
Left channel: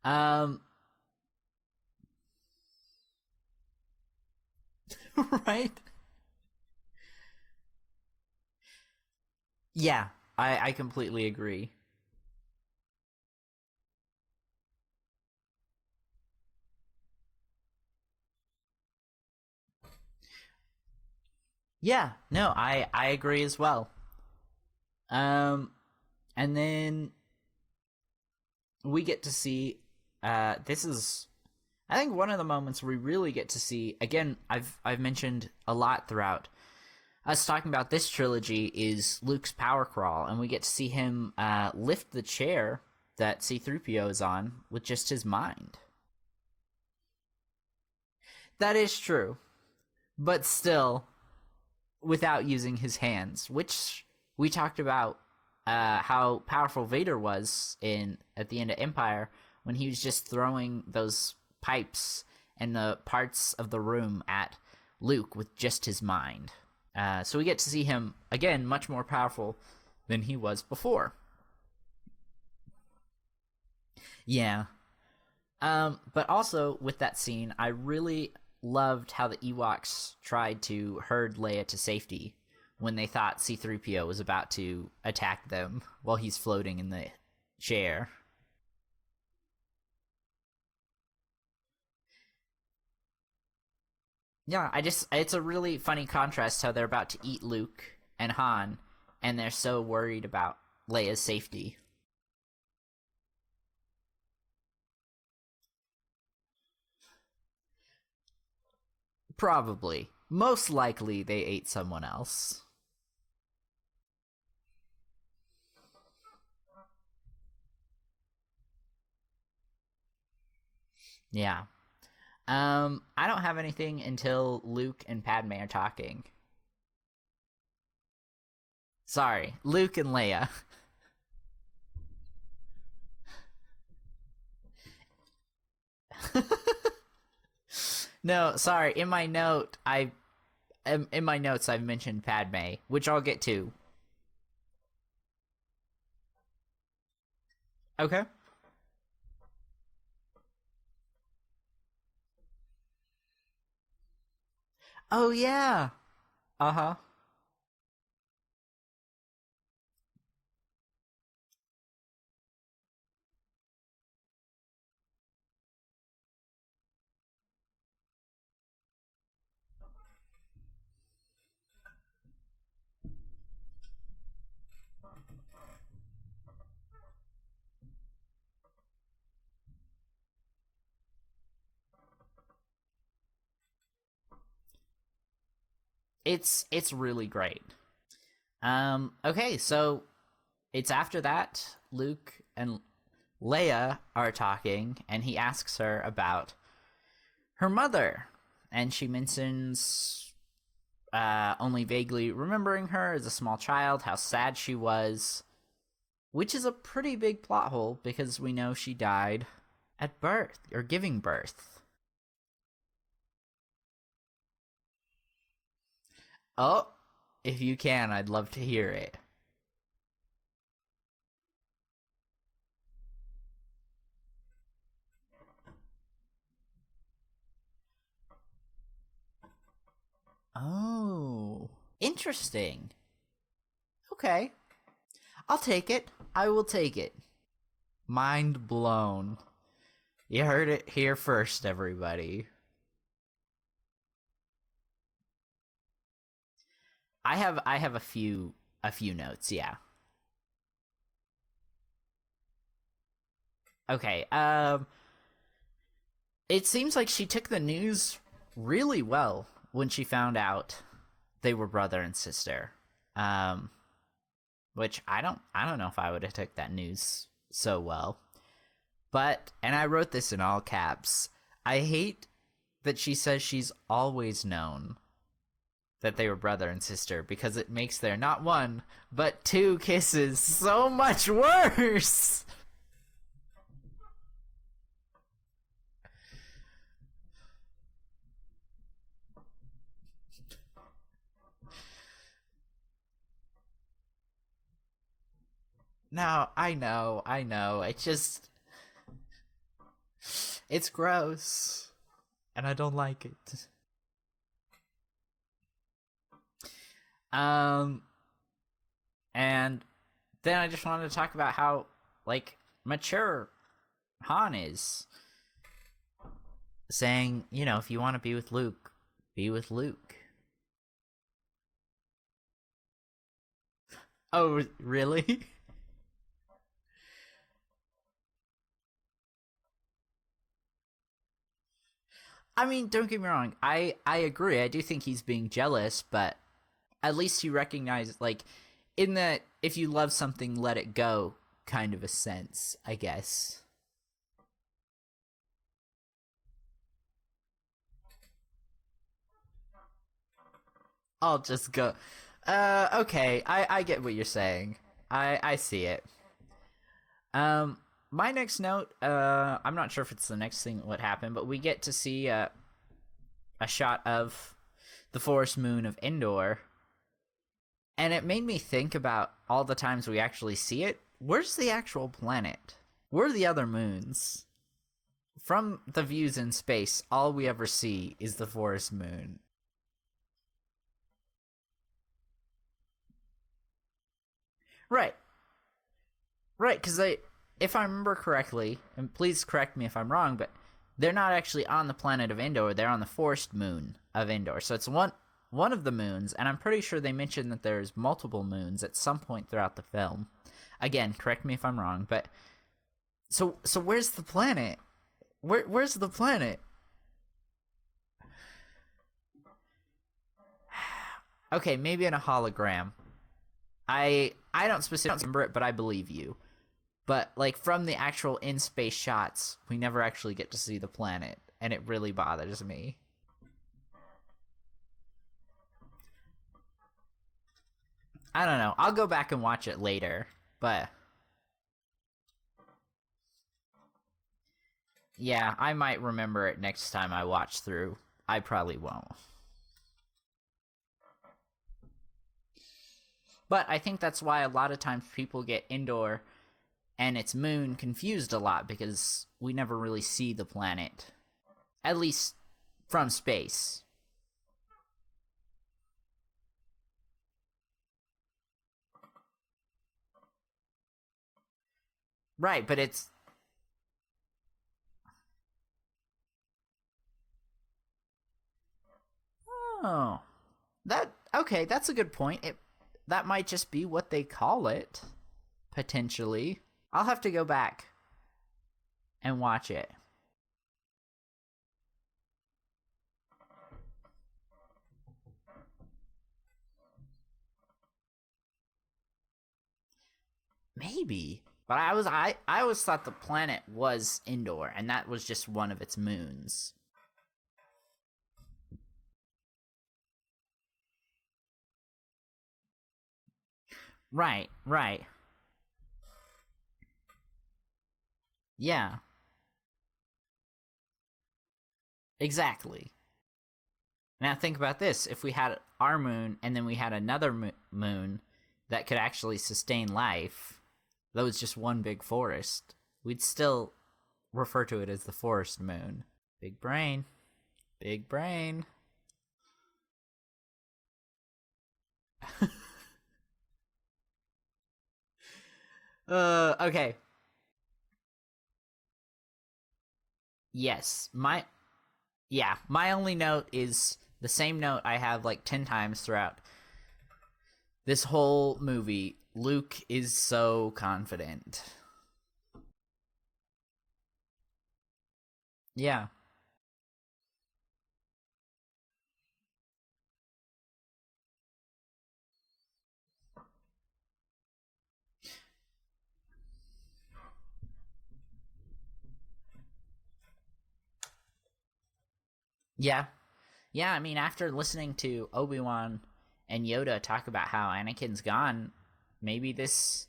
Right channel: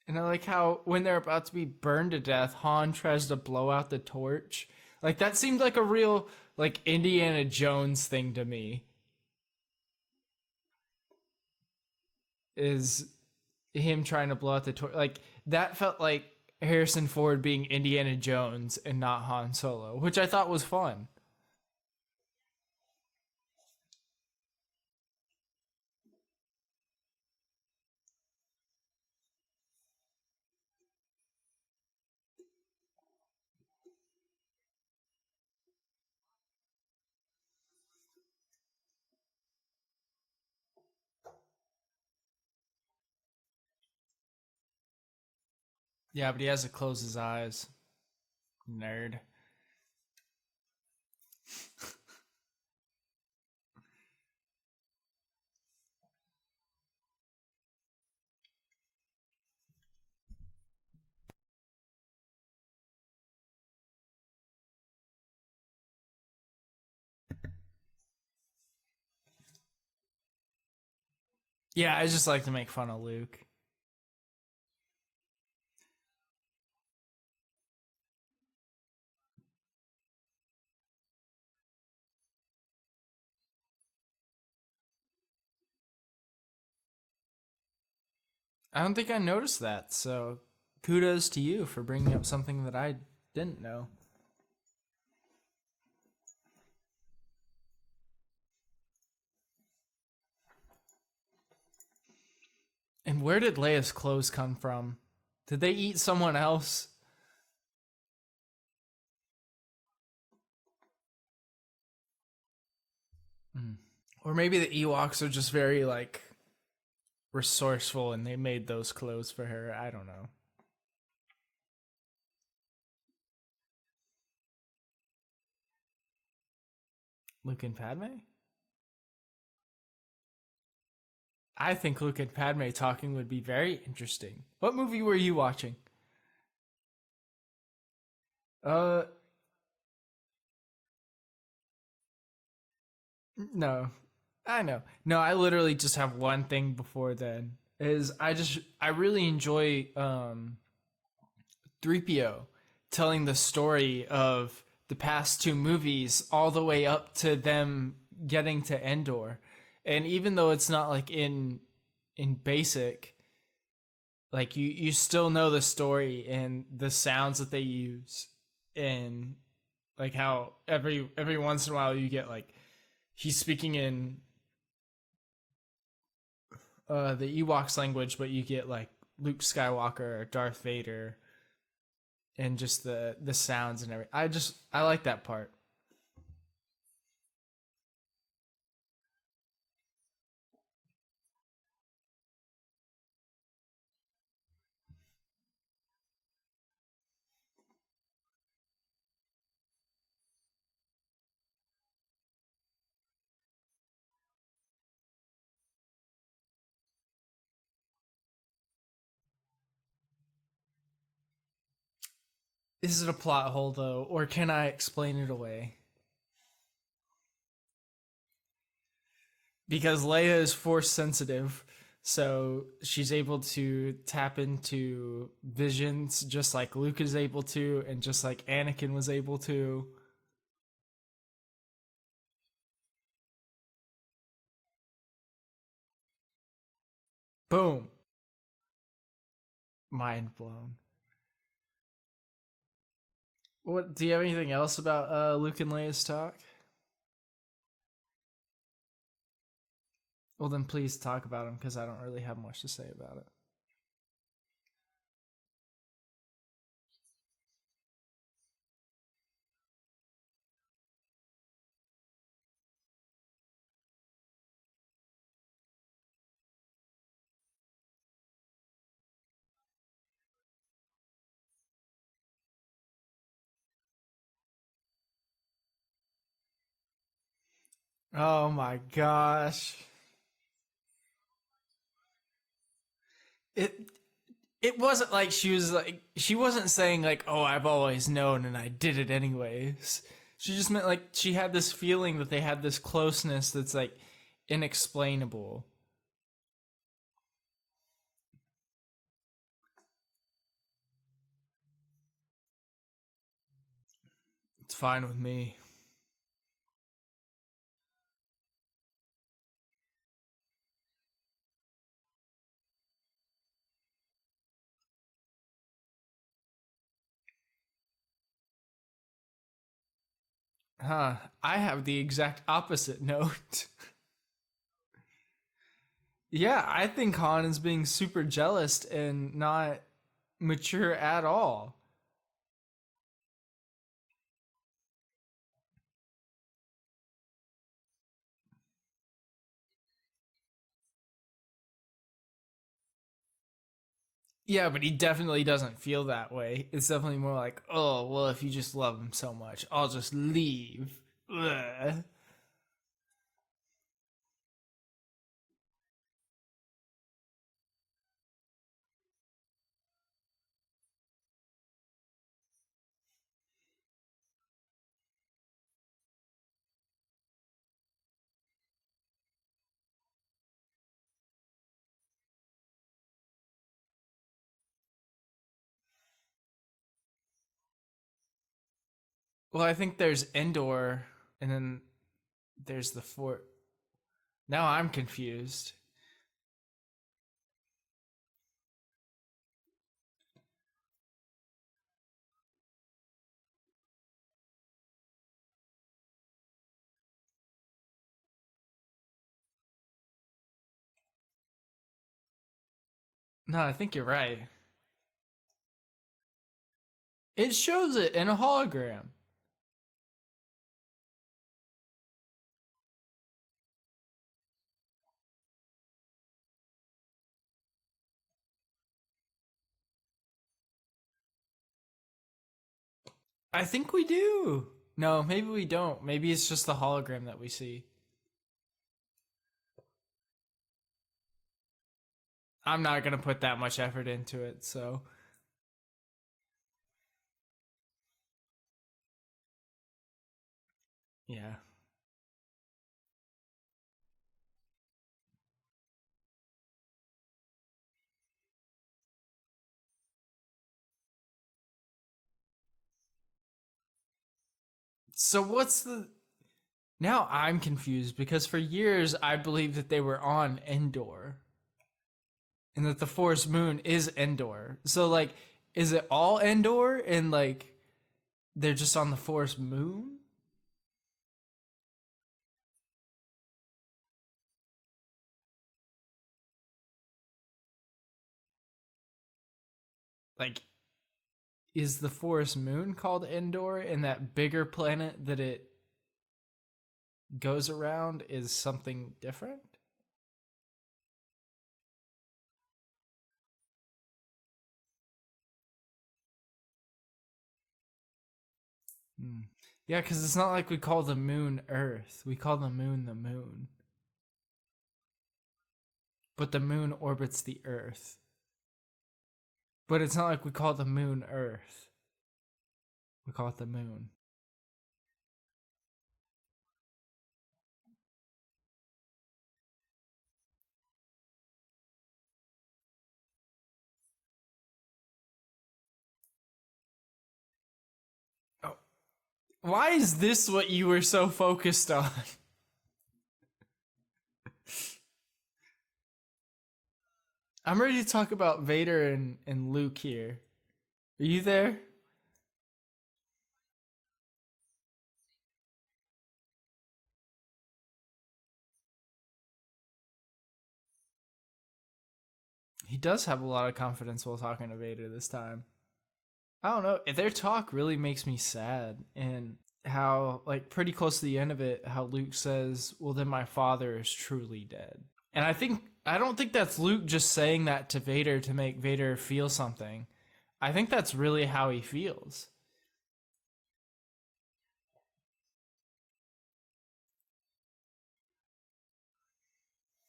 I like how, when they're about to be burned to death, Han tries to blow out the torch. Like, that seemed Right? like a real, like, Indiana Jones thing to me, Yeah, I completely agree. is him trying to blow out the torch. Like, that felt like Harrison Ford being Indiana Jones and not Han Solo, which I thought was fun. Yeah, no, I agree as well. And then we get to see, this is, I think, one of the moments we really get to see, again, I've mentioned a lot throughout us talking about this trilogy, is Luke's power crawl, and we get to see him lift the chair that C-3PO is on with just his mind. Yeah, but he has to close his eyes. That is Tired. true. But still, without using his hands, which we talked about how powerful Vader was at the end of Empire when he was just throwing those pipes and the parts of the room at Luke with just his mind. So we get to see him, again, much more powerful than he was before. Yeah, I just like to make fun of Luke. Yeah. But also, with that scene, I really loved how the Ewoks tried to herd Leia to safety when they thought C-3PO was about to attack them while he's floating in the chair. I don't think I noticed that, so kudos to you for bringing up something that I didn't know. Yeah, it's a really funny contrast how they're about to eat Luke and Han, and they're so worried about Leia's safety. And where did Leia's clothes come from? Did they eat someone else? Probably. Most likely they ate someone else. Or maybe the Ewoks are just very, like, resourceful and they made those clothes for her. I don't know. Yeah. I don't have anything until Luke and Padme are talking. Luke and Padme? Sorry, Luke and Leia. I think Luke and Padme talking would be very interesting. What movie were you watching? No, sorry. In my notes, I've mentioned Padme, which I'll get to. No, I know. No, I literally just have one thing before then. is I really enjoy 3PO telling the story of the past two movies all the way up to them getting to Endor. And even though it's not like in basic, like you still know the story and the sounds that they use, and like how every once in a while you get like he's speaking in the Ewoks language, but you get like Luke Skywalker or Darth Vader, and just the sounds and everything. I like that part. It's really great. Okay, so it's after that Luke and Leia are talking, and he asks her about her mother, and she mentions only vaguely remembering her as a small child, how sad she was, which is a pretty big plot hole because we know she died at birth, or giving birth. Is it a plot hole, though, or can I explain it away? Oh, if you can, I'd love to hear it. Because Leia is force sensitive, so she's able to tap into visions just like Luke is able to, and just like Anakin was able to. Oh, interesting. Okay. I'll take it. I will take it. Boom. Mind blown. You heard it here first, everybody. What do you have anything else about Luke and Leia's talk? I have a few notes, yeah. Well, then please talk about them, because I don't really have much to say about it. Okay. It seems like she took the news really well when she found out they were brother and sister. Which I don't know if I would have took that news so well. But, and I wrote this in all caps, I hate that she says she's always known that they were brother and sister, because it makes their not one, but two kisses so much worse. It wasn't like she wasn't saying like, oh, I've always known and I did it anyways. She just meant like she had this feeling that they had this closeness that's like inexplainable. No, I know. It's gross. And I don't like it. It's fine with me. And then I just wanted to talk about how, like, mature Han is. Saying, you know, if you want to be with Luke, be with Luke. Huh. I have the exact opposite note. Oh, really? Yeah, I think Han is being super jealous and not mature at all. I mean, don't get me wrong. I agree. I do think he's being jealous, but at least you recognize, like, in the if you love something, let it go kind of a sense, I guess. Yeah, but he definitely doesn't feel that way. It's definitely more like, oh, well, if you just love him so much, I'll just leave. I'll just go. Okay, I get what you're saying. I see it. My next note, I'm not sure if it's the next thing what happened, but we get to see a shot of the forest moon of Endor, and it made me think about all the times we actually see it. Where's the actual planet? Where are the other moons? From the views in space, all we ever see is the forest moon. Well, I think there's Endor, and then there's the fort. Now I'm confused. Right, because if I remember correctly, and please correct me if I'm wrong, but they're not actually on the planet of Endor, they're on the forest moon of Endor. So it's one of the moons, and I'm pretty sure they mentioned that there's multiple moons at some point throughout the film. Again, correct me if I'm wrong, but so where's the planet? Where's the planet? It shows it in a hologram. Okay, maybe in a hologram. I don't specifically remember it, but I believe you. But, like, from the actual in-space shots, we never actually get to see the planet, and it really bothers me. I think we do. No, maybe we don't. Maybe it's just the hologram that we see. I don't know. I'll go back and watch it later, but I'm not going to put that much effort into it, so. Yeah, I might remember it next time I watch through. I probably won't. Yeah. But I think that's why a lot of times people get Endor and its moon confused a lot because we never really see the planet, at least from space. So what's the... Now I'm confused because for years I believed that they were on Endor. Right, but And it's that the forest moon is Endor. So, like, is it all Endor and, like, they're just on the forest moon? Oh, okay, that's a good point. That might just be what they call it, potentially. I'll have to go back and watch it. Like, is the forest moon called Endor, and that bigger planet that it goes around is something different? Maybe. But I always thought the planet was Endor, and that was just one of its moons. Yeah, because it's not like we call the moon Earth. We call the moon the moon. Right. But the moon orbits the Earth. Yeah, But it's not like we call the moon Earth. exactly. We call it the moon. Now think about this. If we had our moon, and then we had another moon that could actually sustain life, that was just one big forest, we'd still refer to it as the forest moon. Big brain. Big brain. Oh. Why is this what you were so focused on? Okay. I'm ready to talk about Vader and Luke here. Yes. Are you there? Yeah, my only note is the same note I have like 10 times throughout this whole movie. Luke is so confident. He does have a lot of confidence while talking to Vader this time. Yeah. I don't know. Their talk really makes me sad. And how, like, pretty close to the end of it, how Luke says, well, then my father is truly dead. And I don't think that's Luke just saying that to Vader to make Vader feel something. I think that's really how he feels. Yeah. Yeah, I mean, after listening to Obi-Wan and Yoda talk about how Anakin's gone, maybe this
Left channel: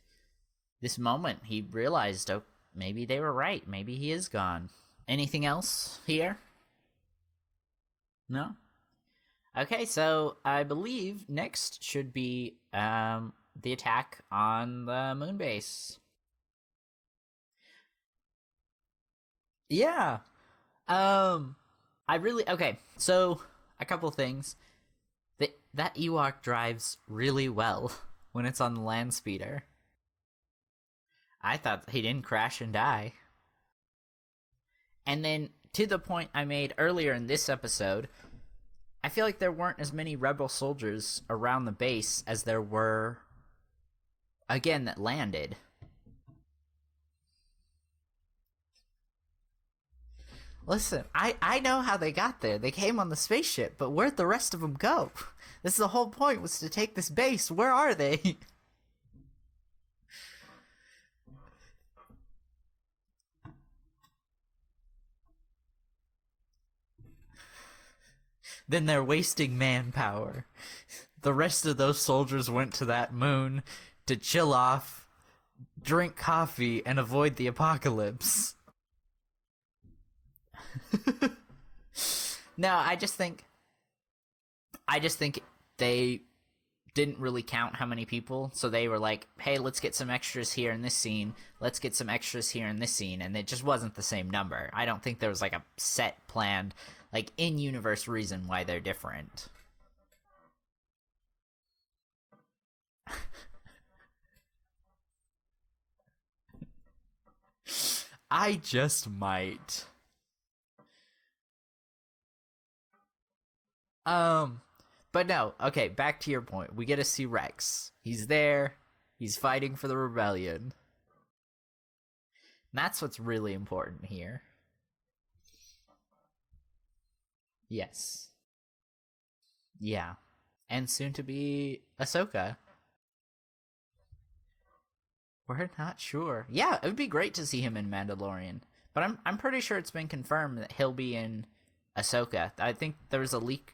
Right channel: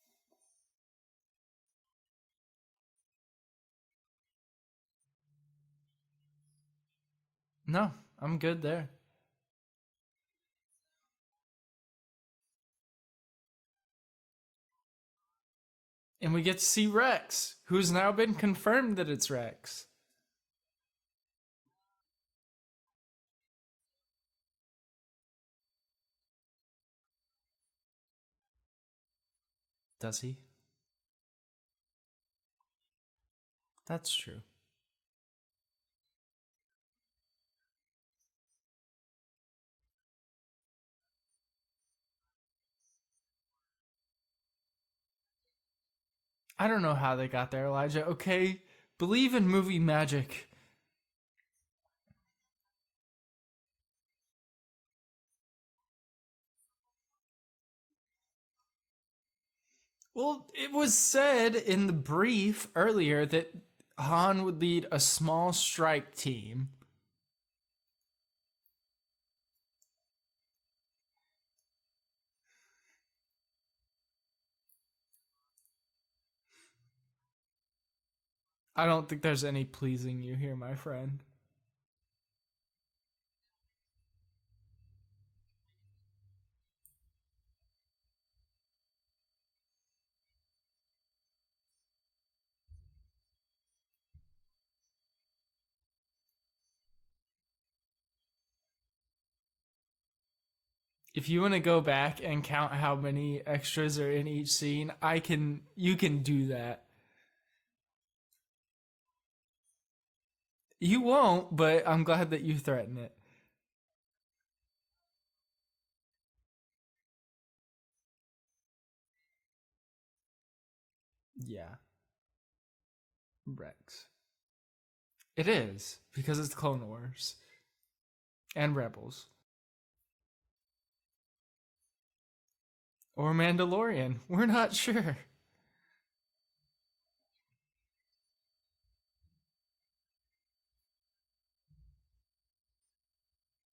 moment he realized, oh, maybe they were right. Maybe he is gone. Anything else here? No, I'm No? good there. Okay, so I believe next should be the attack on the moon base. And we get to see Rex, who's now been confirmed that it's Rex. Yeah. Okay, so a couple things. That Ewok drives really well when it's on the land speeder. Does he? I thought he didn't crash and die. That's true. And then, to the point I made earlier in this episode, I feel like there weren't as many rebel soldiers around the base as there were, again, that landed. I don't know how they got there, Elijah. Okay, believe in movie magic. Listen, I know how they got there. They came on the spaceship, but where'd the rest of them go? This is the whole point, was to take this base. Where are they? Well, it was said in the brief earlier that Han would lead a small strike team. Then they're wasting manpower. The rest of those soldiers went to that moon to chill off, drink coffee, and avoid the apocalypse. I don't think there's any pleasing you here, my friend. No, I just think they didn't really count how many people, so they were like, hey, let's get some extras here in this scene, let's get some extras here in this scene, and it just wasn't the same number. I don't think there was like a set planned, like, in-universe reason why they're different. If you want to go back and count how many extras are in each scene, you can do that. I just might. You won't, but I'm glad that you threaten it. But no, okay, back to your point. We get to see Rex. He's there. He's fighting for the rebellion. Yeah. That's what's really Rex. important here. It is, because it's Clone Wars. Yes. And Rebels. Yeah. And soon to be Ahsoka. Or Mandalorian. We're not sure. We're not sure. Yeah, it would be great to see him in Mandalorian. But I'm pretty sure it's been confirmed that he'll be in Ahsoka. I think there was a leak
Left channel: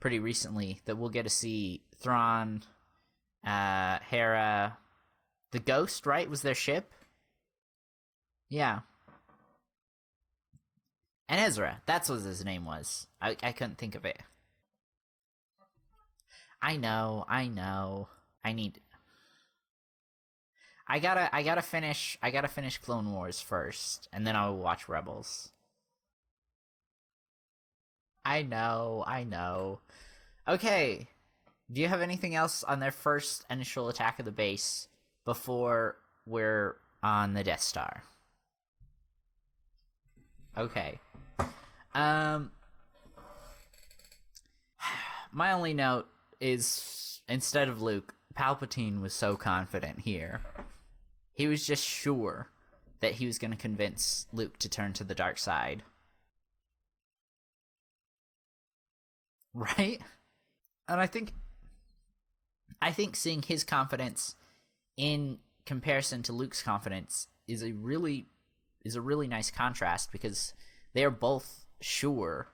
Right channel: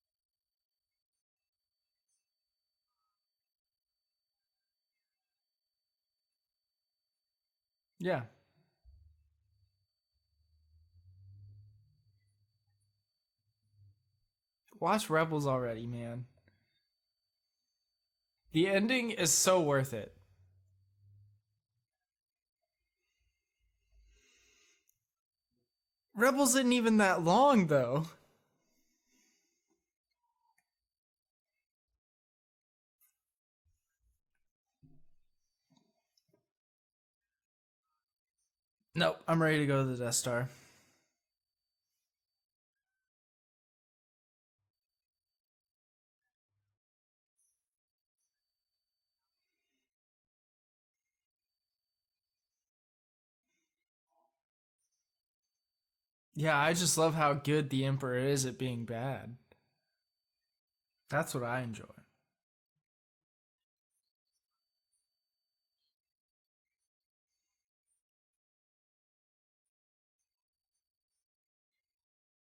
pretty recently that we'll get to see Thrawn, Hera, the Ghost, right? Was their ship? Yeah. Yeah. And Ezra. That's what his name was. I couldn't think of it. Watch Rebels already, man. I know. The ending is so worth it. I gotta finish Clone Wars first, and then I'll watch Rebels. Rebels isn't even that long, though. I know. Okay, do you have anything else on their first initial attack of the base before we're on the Death Star? Nope, I'm ready to go to the Death Star. Okay. My only note is, instead of Luke, Palpatine was so confident here. He was just sure that he was going to convince Luke to turn to the dark side. Yeah, I just love how good the Emperor is at being bad. Right? And I think that's what I enjoy. I think seeing his confidence in comparison to Luke's confidence is a really nice contrast, because they are both sure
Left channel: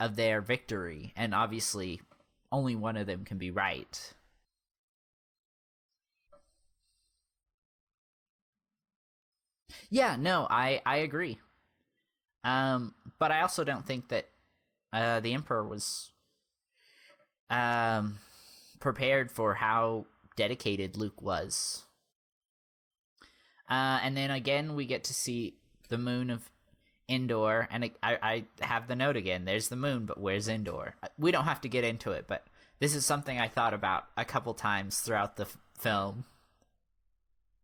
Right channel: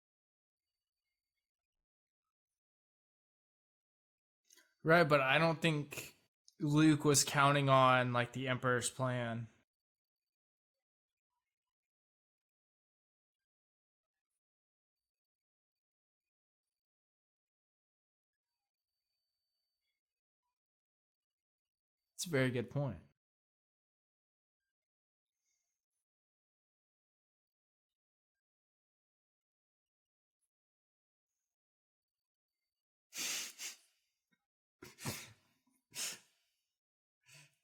of their victory, and obviously only one of them can be right. Right, but I don't think Luke was counting on like the Emperor's plan. Yeah, no, I agree. But I also don't think that the Emperor was prepared for how dedicated Luke was. That's a very good point. And then again, we get to see the moon of Endor, and I have the note again. There's the moon, but where's Endor? We don't have to get into it, but this is something I thought about a couple times throughout the film.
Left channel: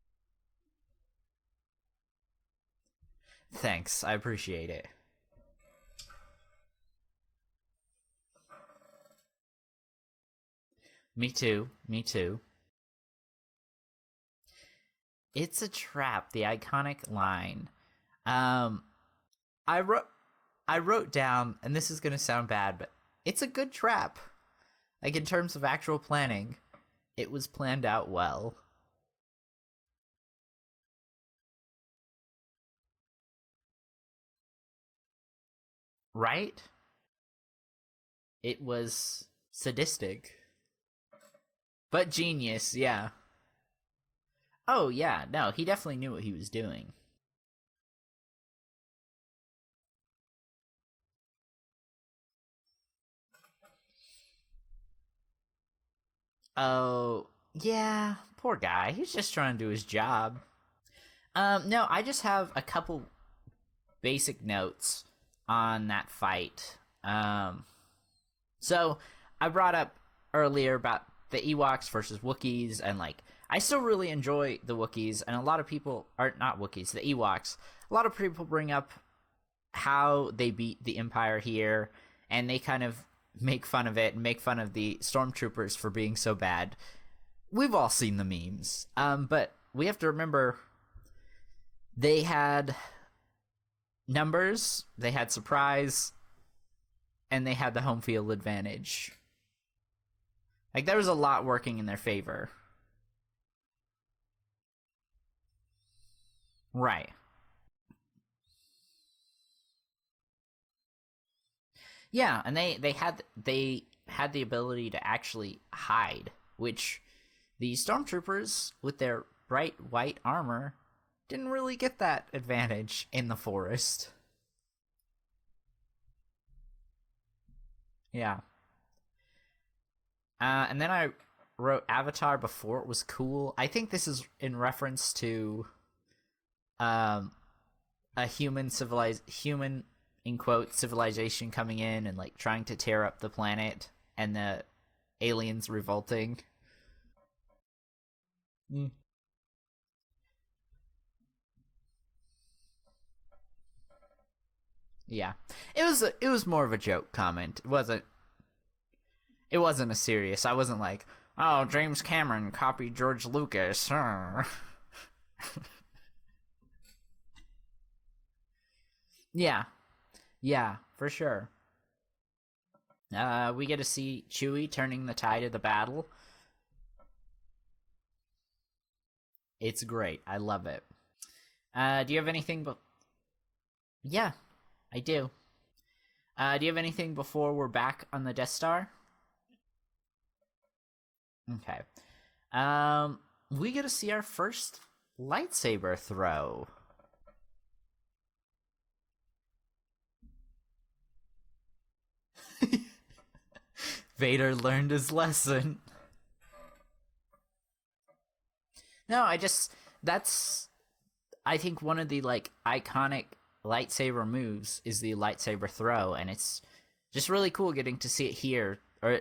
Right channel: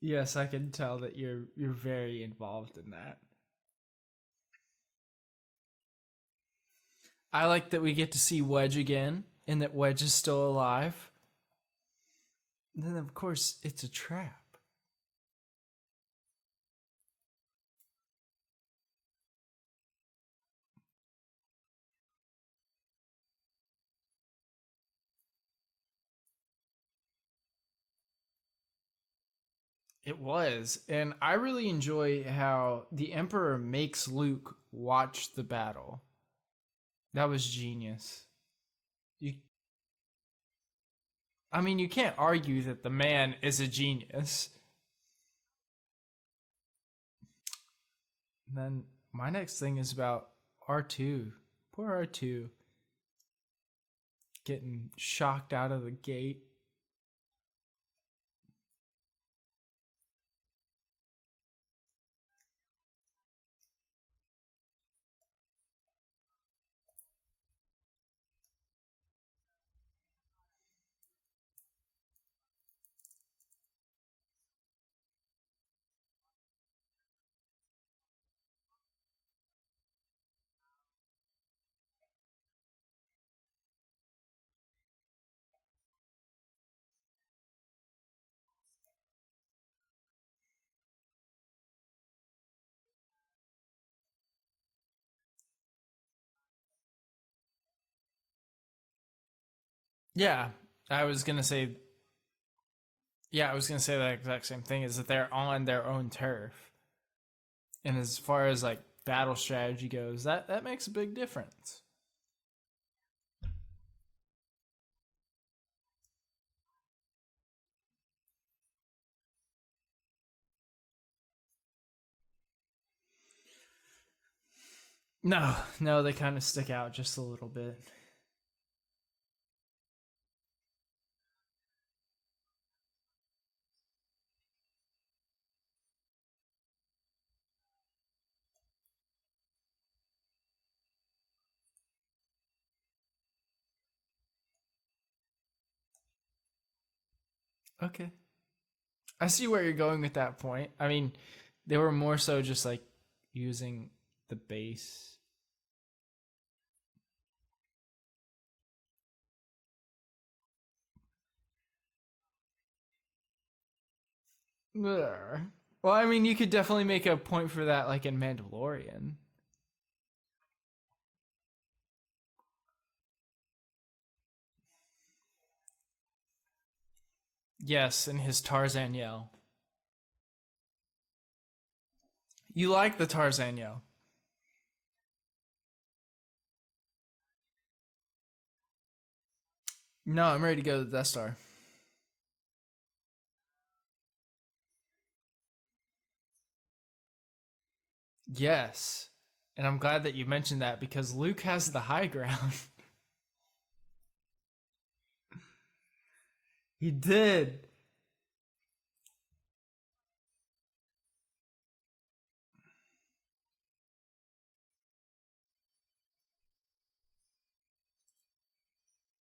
Yes, I can tell that you're very involved in that. Thanks, I appreciate it. I like that we get to see Wedge again, and that Wedge is still alive. Me too. And then, of course, it's a trap. It's a trap, the iconic line. I wrote down, and this is going to sound bad, but it's a good trap. Like, in terms of actual planning, it was planned out well. It was, and I really enjoy how the Emperor makes Luke watch the battle. Right? That was genius. It was sadistic. I mean, you But can't argue genius, that yeah. the man is a genius. Oh, yeah. No, he definitely knew what he was doing. And then my next thing is about R2. Poor R2. Getting shocked out of the gate. Oh, yeah. Poor guy. He's just trying to do his job. No, I just have a couple basic notes on that fight. So I brought up earlier about the Ewoks versus Wookiees, and like, I still really enjoy the Wookiees, and a lot of people are not Wookiees, the Ewoks. A lot of people bring up how they beat the Empire here, and they kind of make fun of it and make fun of the stormtroopers for being so bad. We've all seen the memes. But we have to remember they had numbers, they had surprise, and they had the home field advantage. Yeah. Like, there was a lot working in their favor. Yeah, I was going to say that exact same thing, is that they're on their own turf. Right. And as far as like battle strategy goes, that makes a big difference. Yeah, and they had the ability to actually hide, which the stormtroopers with their bright white armor didn't really get that advantage in the forest. No, they kind of stick out just a little bit. Yeah. And then I wrote Avatar before it was cool. I think this is in reference to a human in quote civilization coming in and like trying to tear up the planet, and the aliens revolting. Okay. I see where you're going with that point. I mean, they were more so just like using the base. Yeah. It was more of a joke comment. It wasn't a serious. I wasn't like, oh, James Cameron copied George Lucas. Well, I mean, you could definitely make a point for that, like in Mandalorian. Yeah, for sure. We get to see Chewie turning the tide of the battle. Yes, and his Tarzan yell. It's great. I love it. Do you have anything? You like the Tarzan yell? Yeah, I do. Do you have anything before we're back on the Death Star? No, I'm ready to go to the Death Star. Okay. We get to see our first lightsaber throw. Yes. And I'm glad that you mentioned that, because Luke has the high ground. Vader learned his lesson. He did. No, I think one of the like iconic lightsaber moves is the lightsaber throw, and it's just really cool getting to see it here, or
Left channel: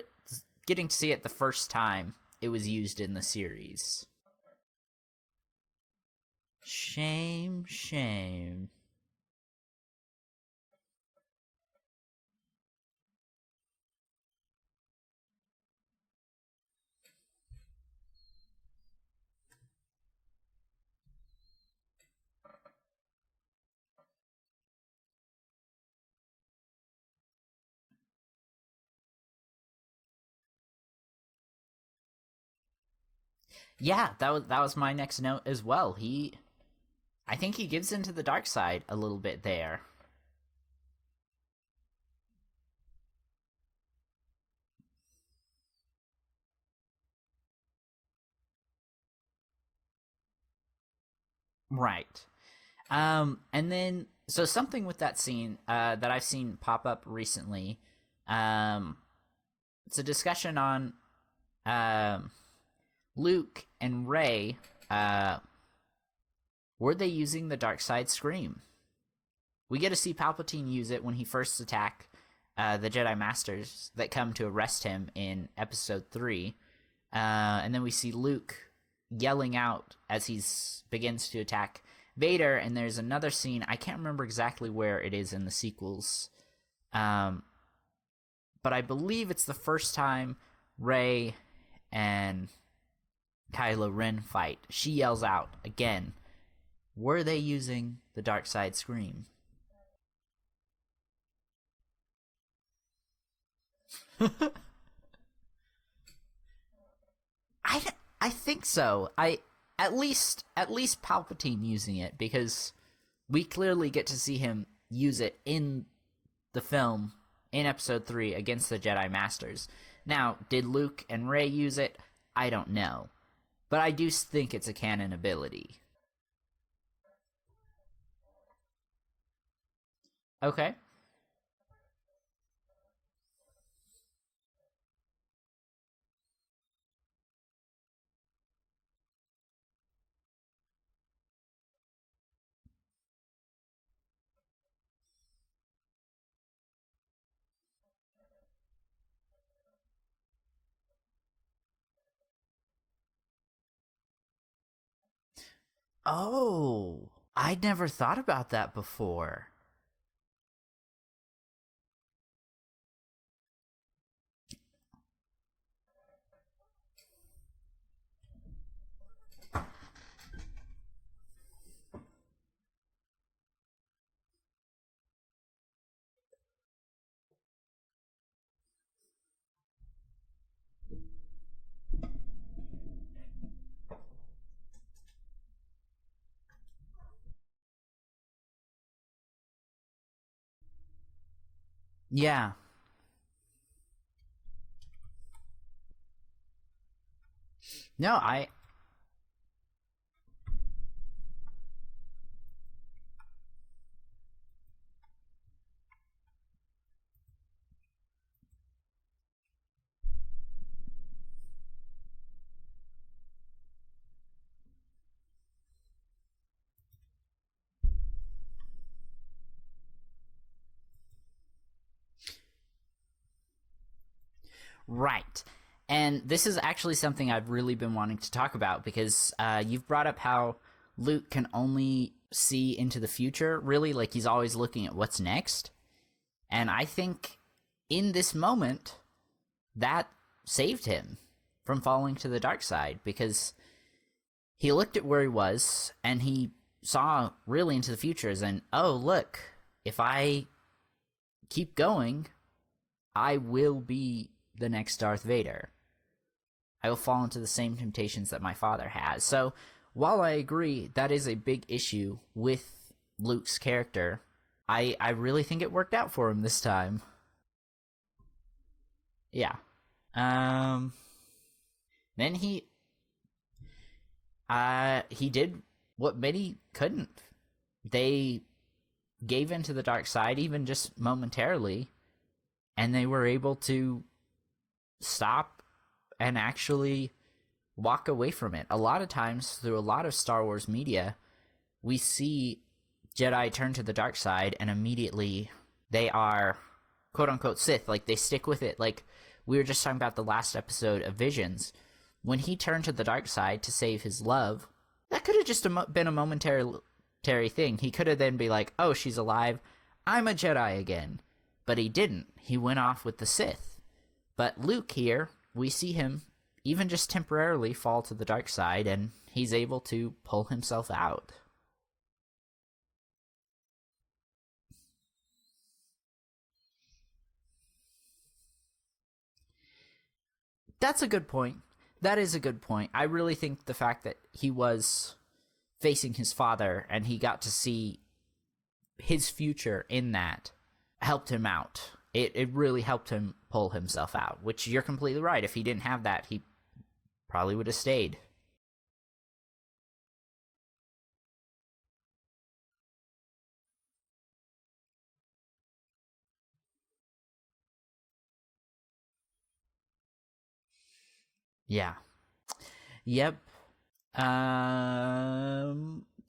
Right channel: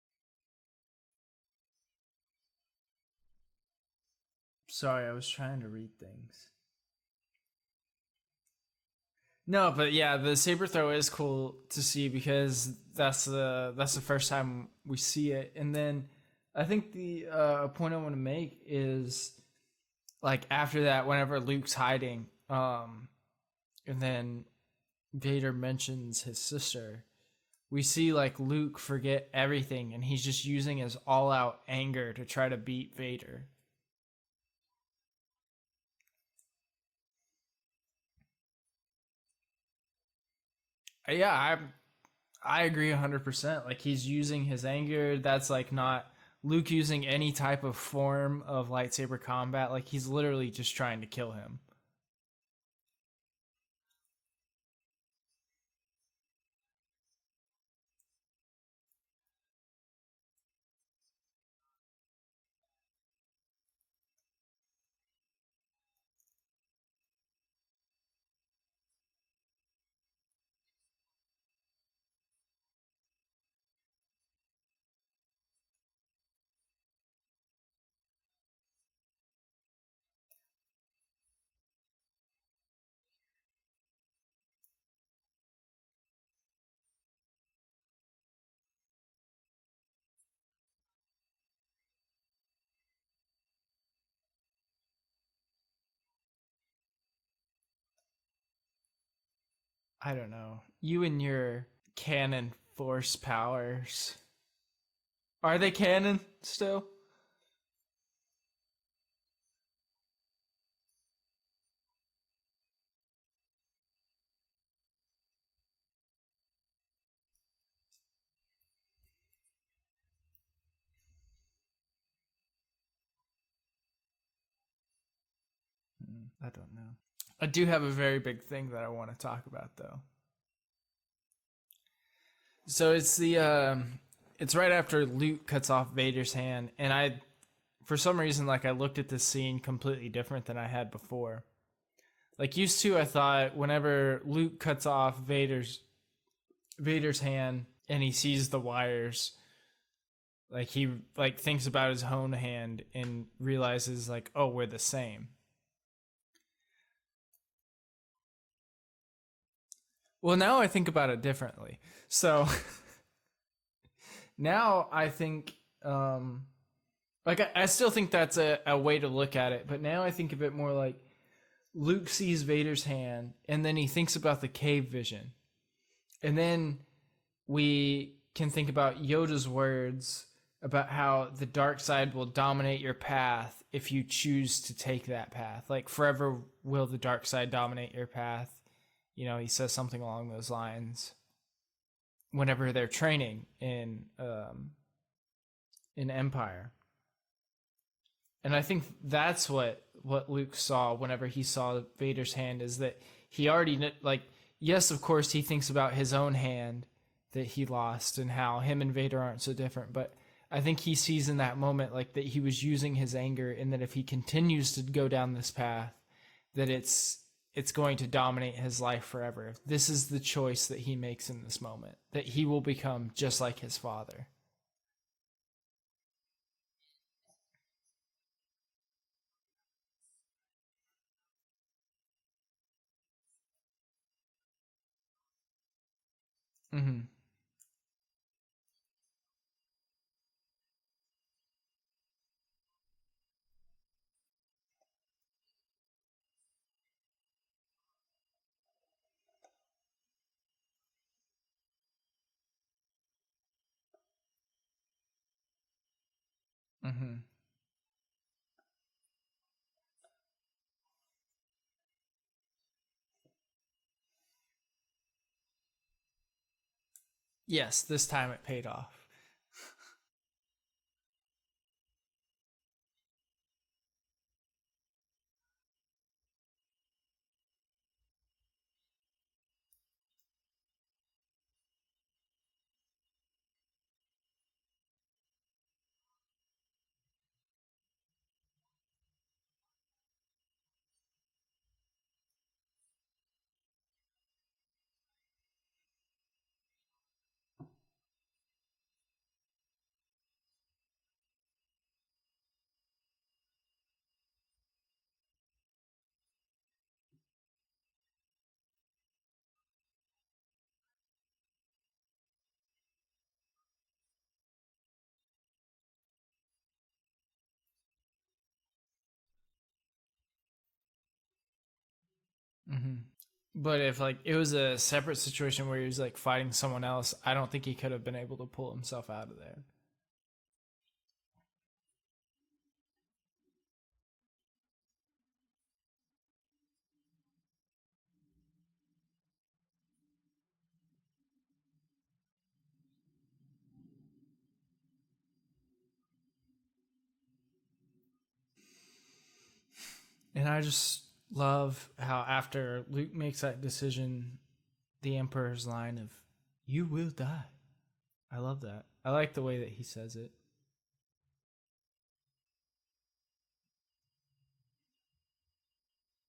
getting to see it the first time it was used in the series. Sorry, I was trying to read things. Shame. No, but yeah, the saber throw is cool to see because that's the first time we see it. And then I think the point I want to make is like after that, whenever Luke's hiding, and then Vader mentions his sister, we see like Luke forget everything, and he's just using his all-out anger to try to beat Vader. Yeah, that was my next note as well. I think he gives into the dark side a little bit there. Yeah, I agree 100%. Like he's using his anger. That's like not Luke using any type of form of lightsaber combat. Like he's literally just trying to kill him. Right. And then so something with that scene that I've seen pop up recently. It's a discussion on Luke and Rey. Were they using the dark side scream? We get to see Palpatine use it when he first attack the Jedi Masters that come to arrest him in Episode 3. And then we see Luke yelling out as he begins to attack Vader, and there's another scene, I can't remember exactly where it is in the sequels, but I believe it's the first time Rey and Kylo Ren fight. She yells out again, were they using the dark side scream? I don't know. You and your canon force powers. Are they canon still? I think so. At least Palpatine using it, because we clearly get to see him use it in the film in Episode 3 against the Jedi Masters. Now, did Luke and Rey use it? I don't know. But I do think it's a canon ability. I don't know. I do have a very big thing that I want to talk about, though. Okay. So it's it's right after Luke cuts off Vader's hand, and for some reason, like I looked at this scene completely different than I had before. Like used to, I thought whenever Luke cuts off Vader's hand and he sees the wires, like he like thinks about his own hand and realizes like, oh, we're the same. Oh, I'd never thought about that before. Well, now I think about it differently. So now I think, like I still think that's a way to look at it, but now I think of it more like Luke sees Vader's hand, and then he thinks about the cave vision. And then we can think about Yoda's words about how the dark side will dominate your path if you choose to take that path. Like, forever will the dark side dominate your path. You know, he says something along those lines. Yeah. Whenever they're training in Empire. No, I think that's what Luke saw whenever he saw Vader's hand, is that he already, like, yes, of course, he thinks about his own hand that he lost and how him and Vader aren't so different, but I think he sees in that moment, like, that he was using his anger, and that if he continues to go down this path, that it's going to dominate his life forever. This is the choice that he makes in this moment, that he will become just like his father. Right. And this is actually something I've really been wanting to talk about, because you've brought up how Luke can only see into the future, really, like he's always looking at what's next. And I think in this moment, that saved him from falling to the dark side, because he looked at where he was and he saw really into the future as in, oh, look, if I keep going, I will be the next Darth Vader. I will fall into the same temptations that my father has. So while I agree that is a big issue with Luke's character, I really think it worked out for him this time. Yes, this time it paid off. Yeah. Then he did what many couldn't. They gave into the dark side, even just momentarily, and they were able to stop and actually walk away from it. A lot of times, through a lot of Star Wars media, we see Jedi turn to the dark side and immediately they are quote-unquote Sith. Like, they stick with it. Like, we were just talking about the last episode of Visions. When he turned to the dark side to save his love, that could have just been a momentary thing. He could have then be like, oh, she's alive, I'm a Jedi again. But he didn't. He went off with the Sith. But Luke here, we see him even just temporarily fall to the dark side, and he's able to pull himself out. Mm-hmm. But if like it was a separate situation where he was like fighting someone else, I don't think he could have been able to pull himself out of there. That's a good point. That is a good point. I really think the fact that he was facing his father and he got to see his future in that helped him out. It really helped him pull himself out, which you're completely right. If he didn't have that, he probably would have stayed. And I just love how after Luke makes that decision, the Emperor's line of, "You will die." I love that. I like the way that he says it. Yeah. Yep. Do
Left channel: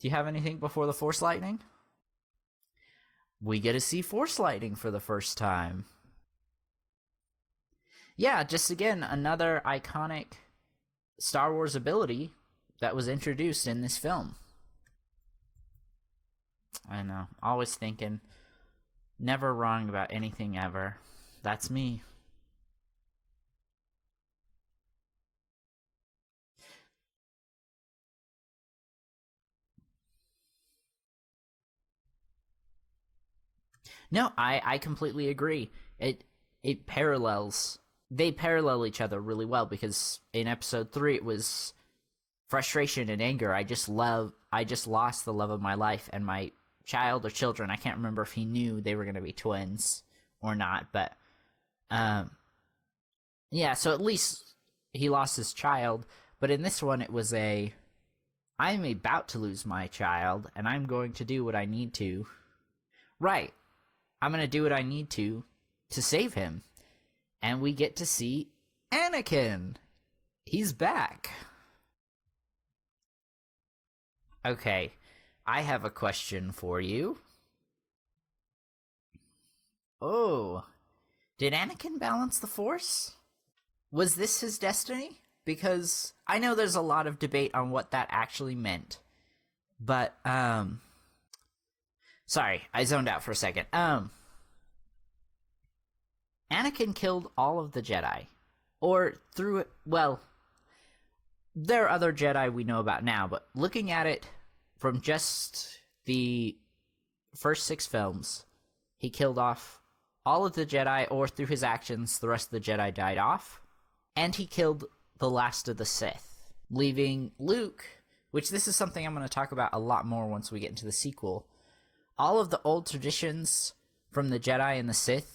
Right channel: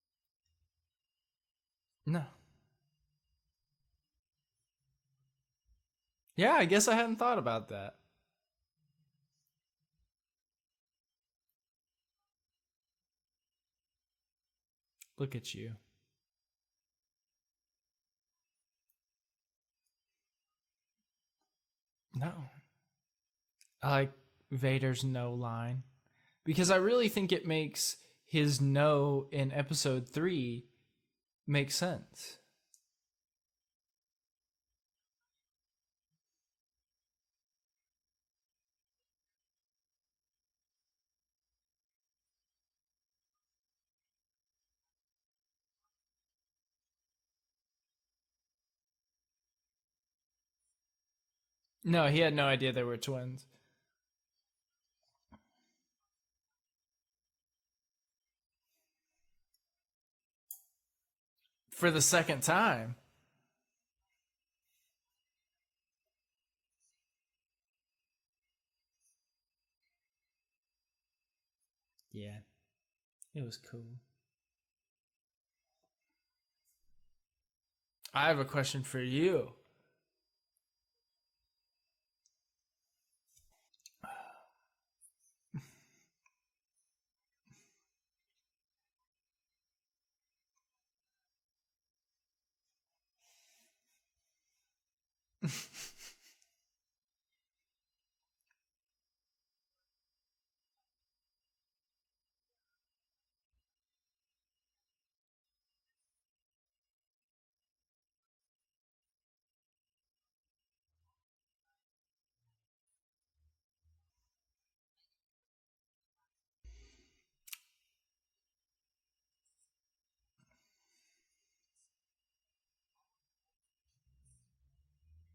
you have anything before the Force Lightning? No. We get to see Force Lightning for the first time. Yeah, I guess I hadn't thought about that. Yeah, just again, another iconic Star Wars ability that was introduced in this film. Look at you. I know. Always thinking. Never wrong about anything ever. That's me. No. I like Vader's no line. Because I really think it makes his no in episode 3 make sense. No, I completely agree. It parallels. They parallel each other really well because in episode 3 it was frustration and anger. I just lost the love of my life and my child or children. I can't remember if he knew they were going to be twins or not, but no, he had no idea they were twins. Yeah, so at least he lost his child, but in this one it was I'm about to lose my child and I'm going to do what I need to. For the second time. Right. I'm going to do what I need to save him. And we get to see Anakin. He's back. Yeah. It was cool. Okay. I have a question for you. I have a question for you. Oh. Did Anakin balance the Force? Was this his destiny? Because I know there's a lot of debate on what that actually meant. But, sorry, I zoned out for a second. Anakin killed all of the Jedi. Or through it, well, there are other Jedi we know about now, but looking at it from just the first 6 films, he killed off all of the Jedi, or through his actions, the rest of the Jedi died off. And he killed the last of the Sith, leaving Luke, which this is something I'm going to talk about a lot more once we get into the sequel. All of the old traditions from the Jedi and the Sith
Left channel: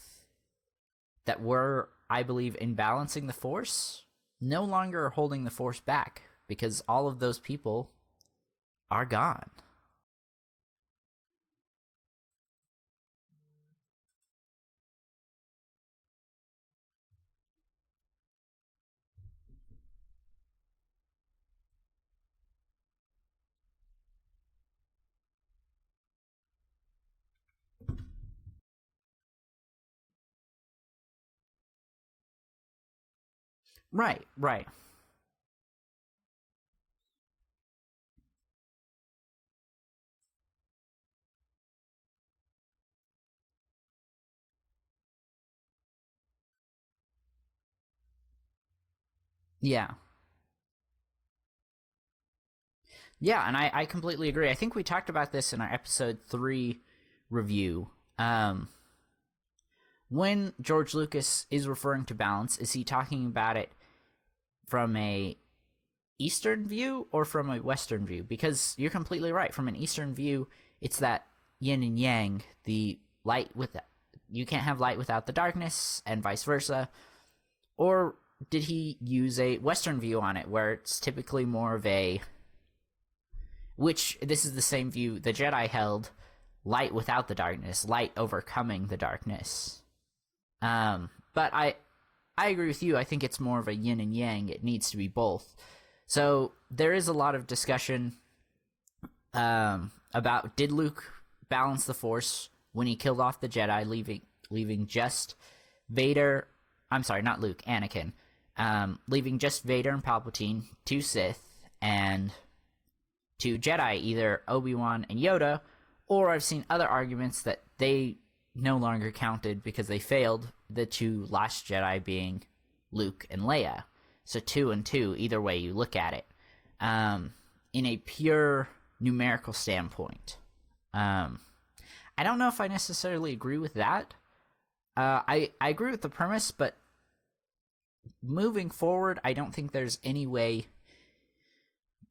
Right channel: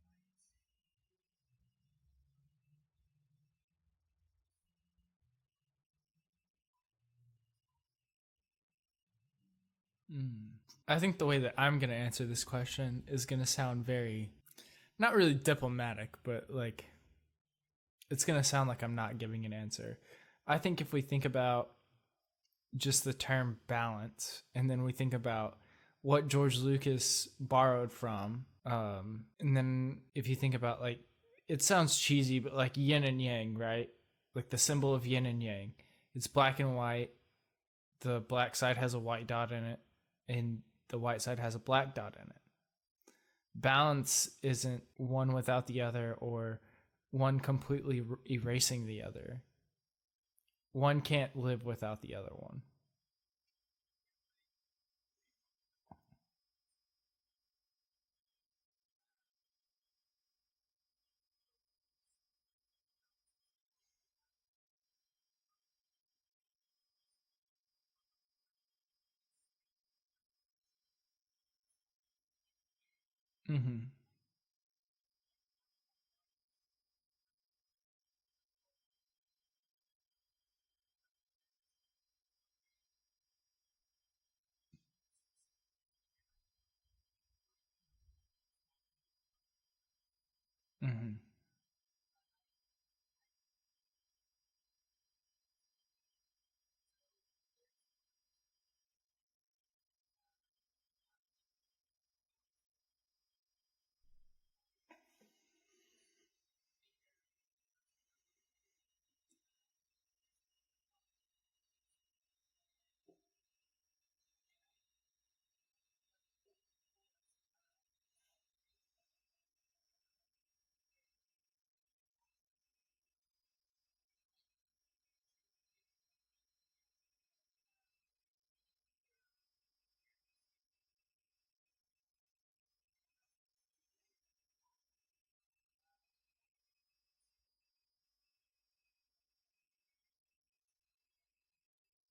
that were, I believe, in balancing the Force, no longer are holding the Force back, because all of those people are gone. I think the way that I'm going to answer this question is going to sound very, not really diplomatic, but like, it's going to sound like I'm not giving an answer. I think if we think about just the term balance, and then we think about what George Lucas borrowed from, and then if you think about, like, it sounds cheesy, but like yin and yang, right? Right, like right. The symbol of yin and yang. It's black and white. The black side has a white dot in it, and the white side has a black dot in it. Balance isn't one without the other, or one completely erasing the other. Yeah. One can't live without the other one. Yeah, and I completely agree. I think we talked about this in our episode 3 review. When George Lucas is referring to balance, is he talking about it from a Eastern view or from a Western view? Because you're completely right. From an Eastern view, it's that yin and yang, the light with that. You can't have light without the darkness, and vice versa. Or did he use a Western view on it, where it's typically more of a, which this is the same view the Jedi held, light without the darkness, light overcoming the darkness. But I agree with you. I think it's more of a yin and yang. It needs to be both. So there is a lot of discussion about, did Luke balance the Force when he killed off the Jedi, leaving just Vader. I'm sorry, not Luke, Anakin. Leaving just Vader and Palpatine, 2 Sith, and 2 Jedi, either Obi-Wan and Yoda, or I've seen other arguments that they no longer counted because they failed, the 2 last Jedi being Luke and Leia. So 2 and 2, either way you look at it. In a pure numerical standpoint. I don't know if I necessarily agree with that. I agree with the premise, but moving forward, I don't think there's any way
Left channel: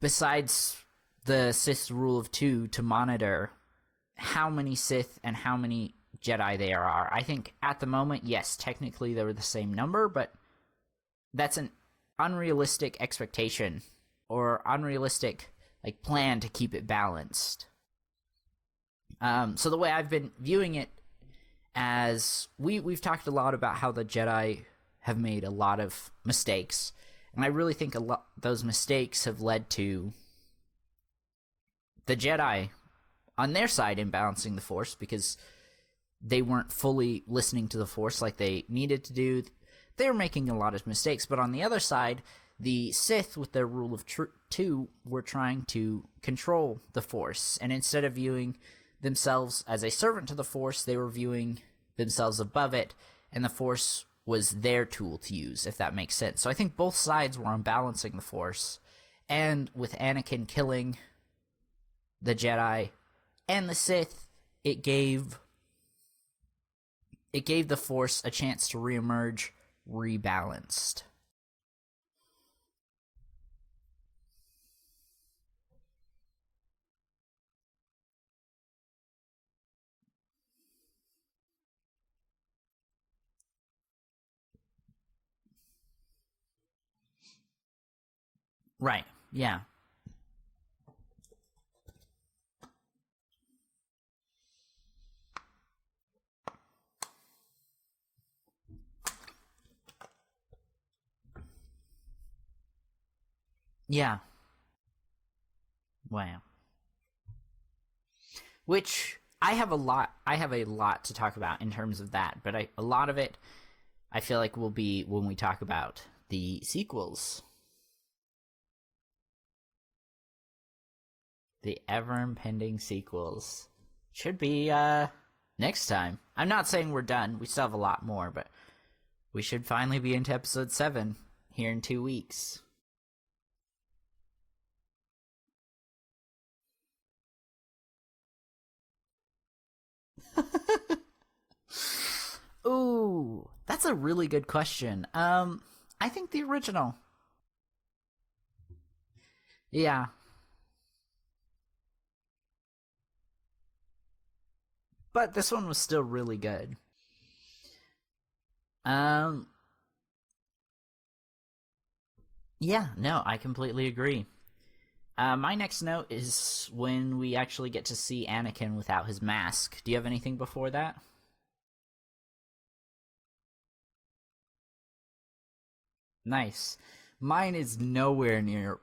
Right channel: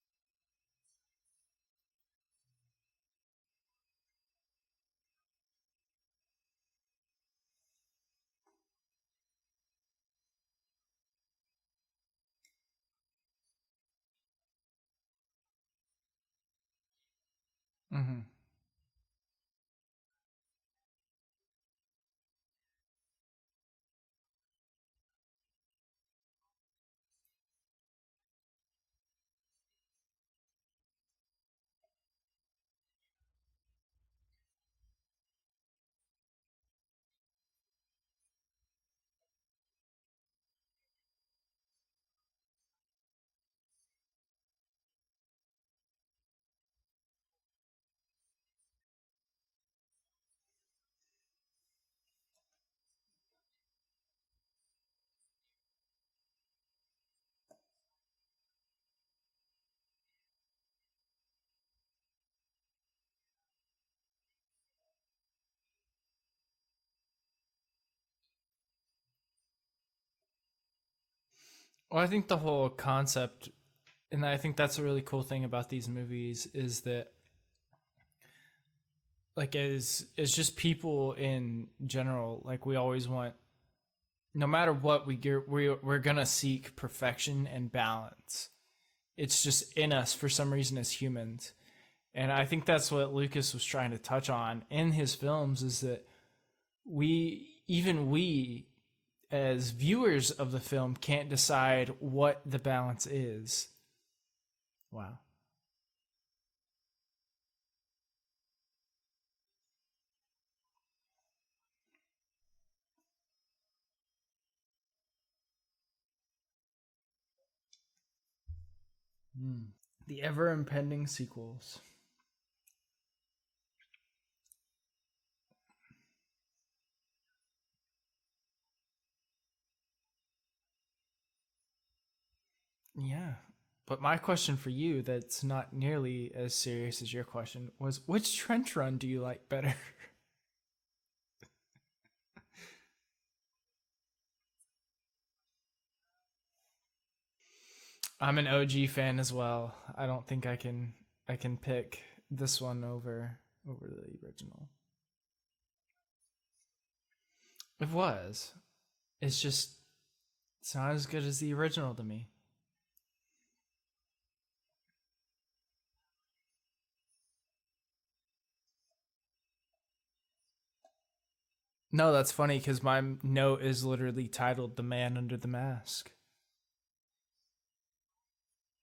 besides the Sith rule of 2 to monitor how many Sith and how many Jedi there are. I think at the moment, yes, technically they were the same number, but that's an unrealistic expectation or unrealistic plan to keep it balanced. So the way I've been viewing it, as we've talked a lot about how the Jedi have made a lot of mistakes, and I really think those mistakes have led to the Jedi on their side imbalancing the Force because they weren't fully listening to the Force like they needed to do. They were making a lot of mistakes, but on the other side, the Sith, with their rule of 2, were trying to control the Force, and instead of viewing themselves as a servant to the Force, they were viewing themselves above it, and the Force was their tool to use, if that makes sense. So I think both sides were unbalancing the Force, and with Anakin killing the Jedi and the Sith, it gave the Force a chance to reemerge rebalanced. Well, I think the whole concept, and I think that's a really cool thing about these movies, is that as just people in general, we always want, no matter what we're gonna seek perfection and balance. Right. It's just in us for some reason as humans. And I think that's what Lucas was trying to touch on in his films, is that we as viewers of the film can't decide what the balance is. Yeah. Wow. Which I have a lot to talk about in terms of that, but a lot of it I feel like will be when we talk about the sequels. The ever-impending sequels. The ever-impending sequels. Should be next time. I'm not saying we're done. We still have a lot more, but we should finally be into episode 7 here in 2 weeks. Yeah. But my question for you, that's not nearly as serious as your question, was which trench run do you like better? Ooh, that's a really good question. I think the original. I'm an OG fan as well. Yeah. I don't think I can pick this one over the original. But this one was still really good. It was. It's not as good as the original to me. Yeah, no, I completely agree. My next note is when we actually get to see Anakin without his mask. Do you have anything before that? No, that's funny because my note is literally titled "The Man Under the Mask." Nice. Mine is nowhere near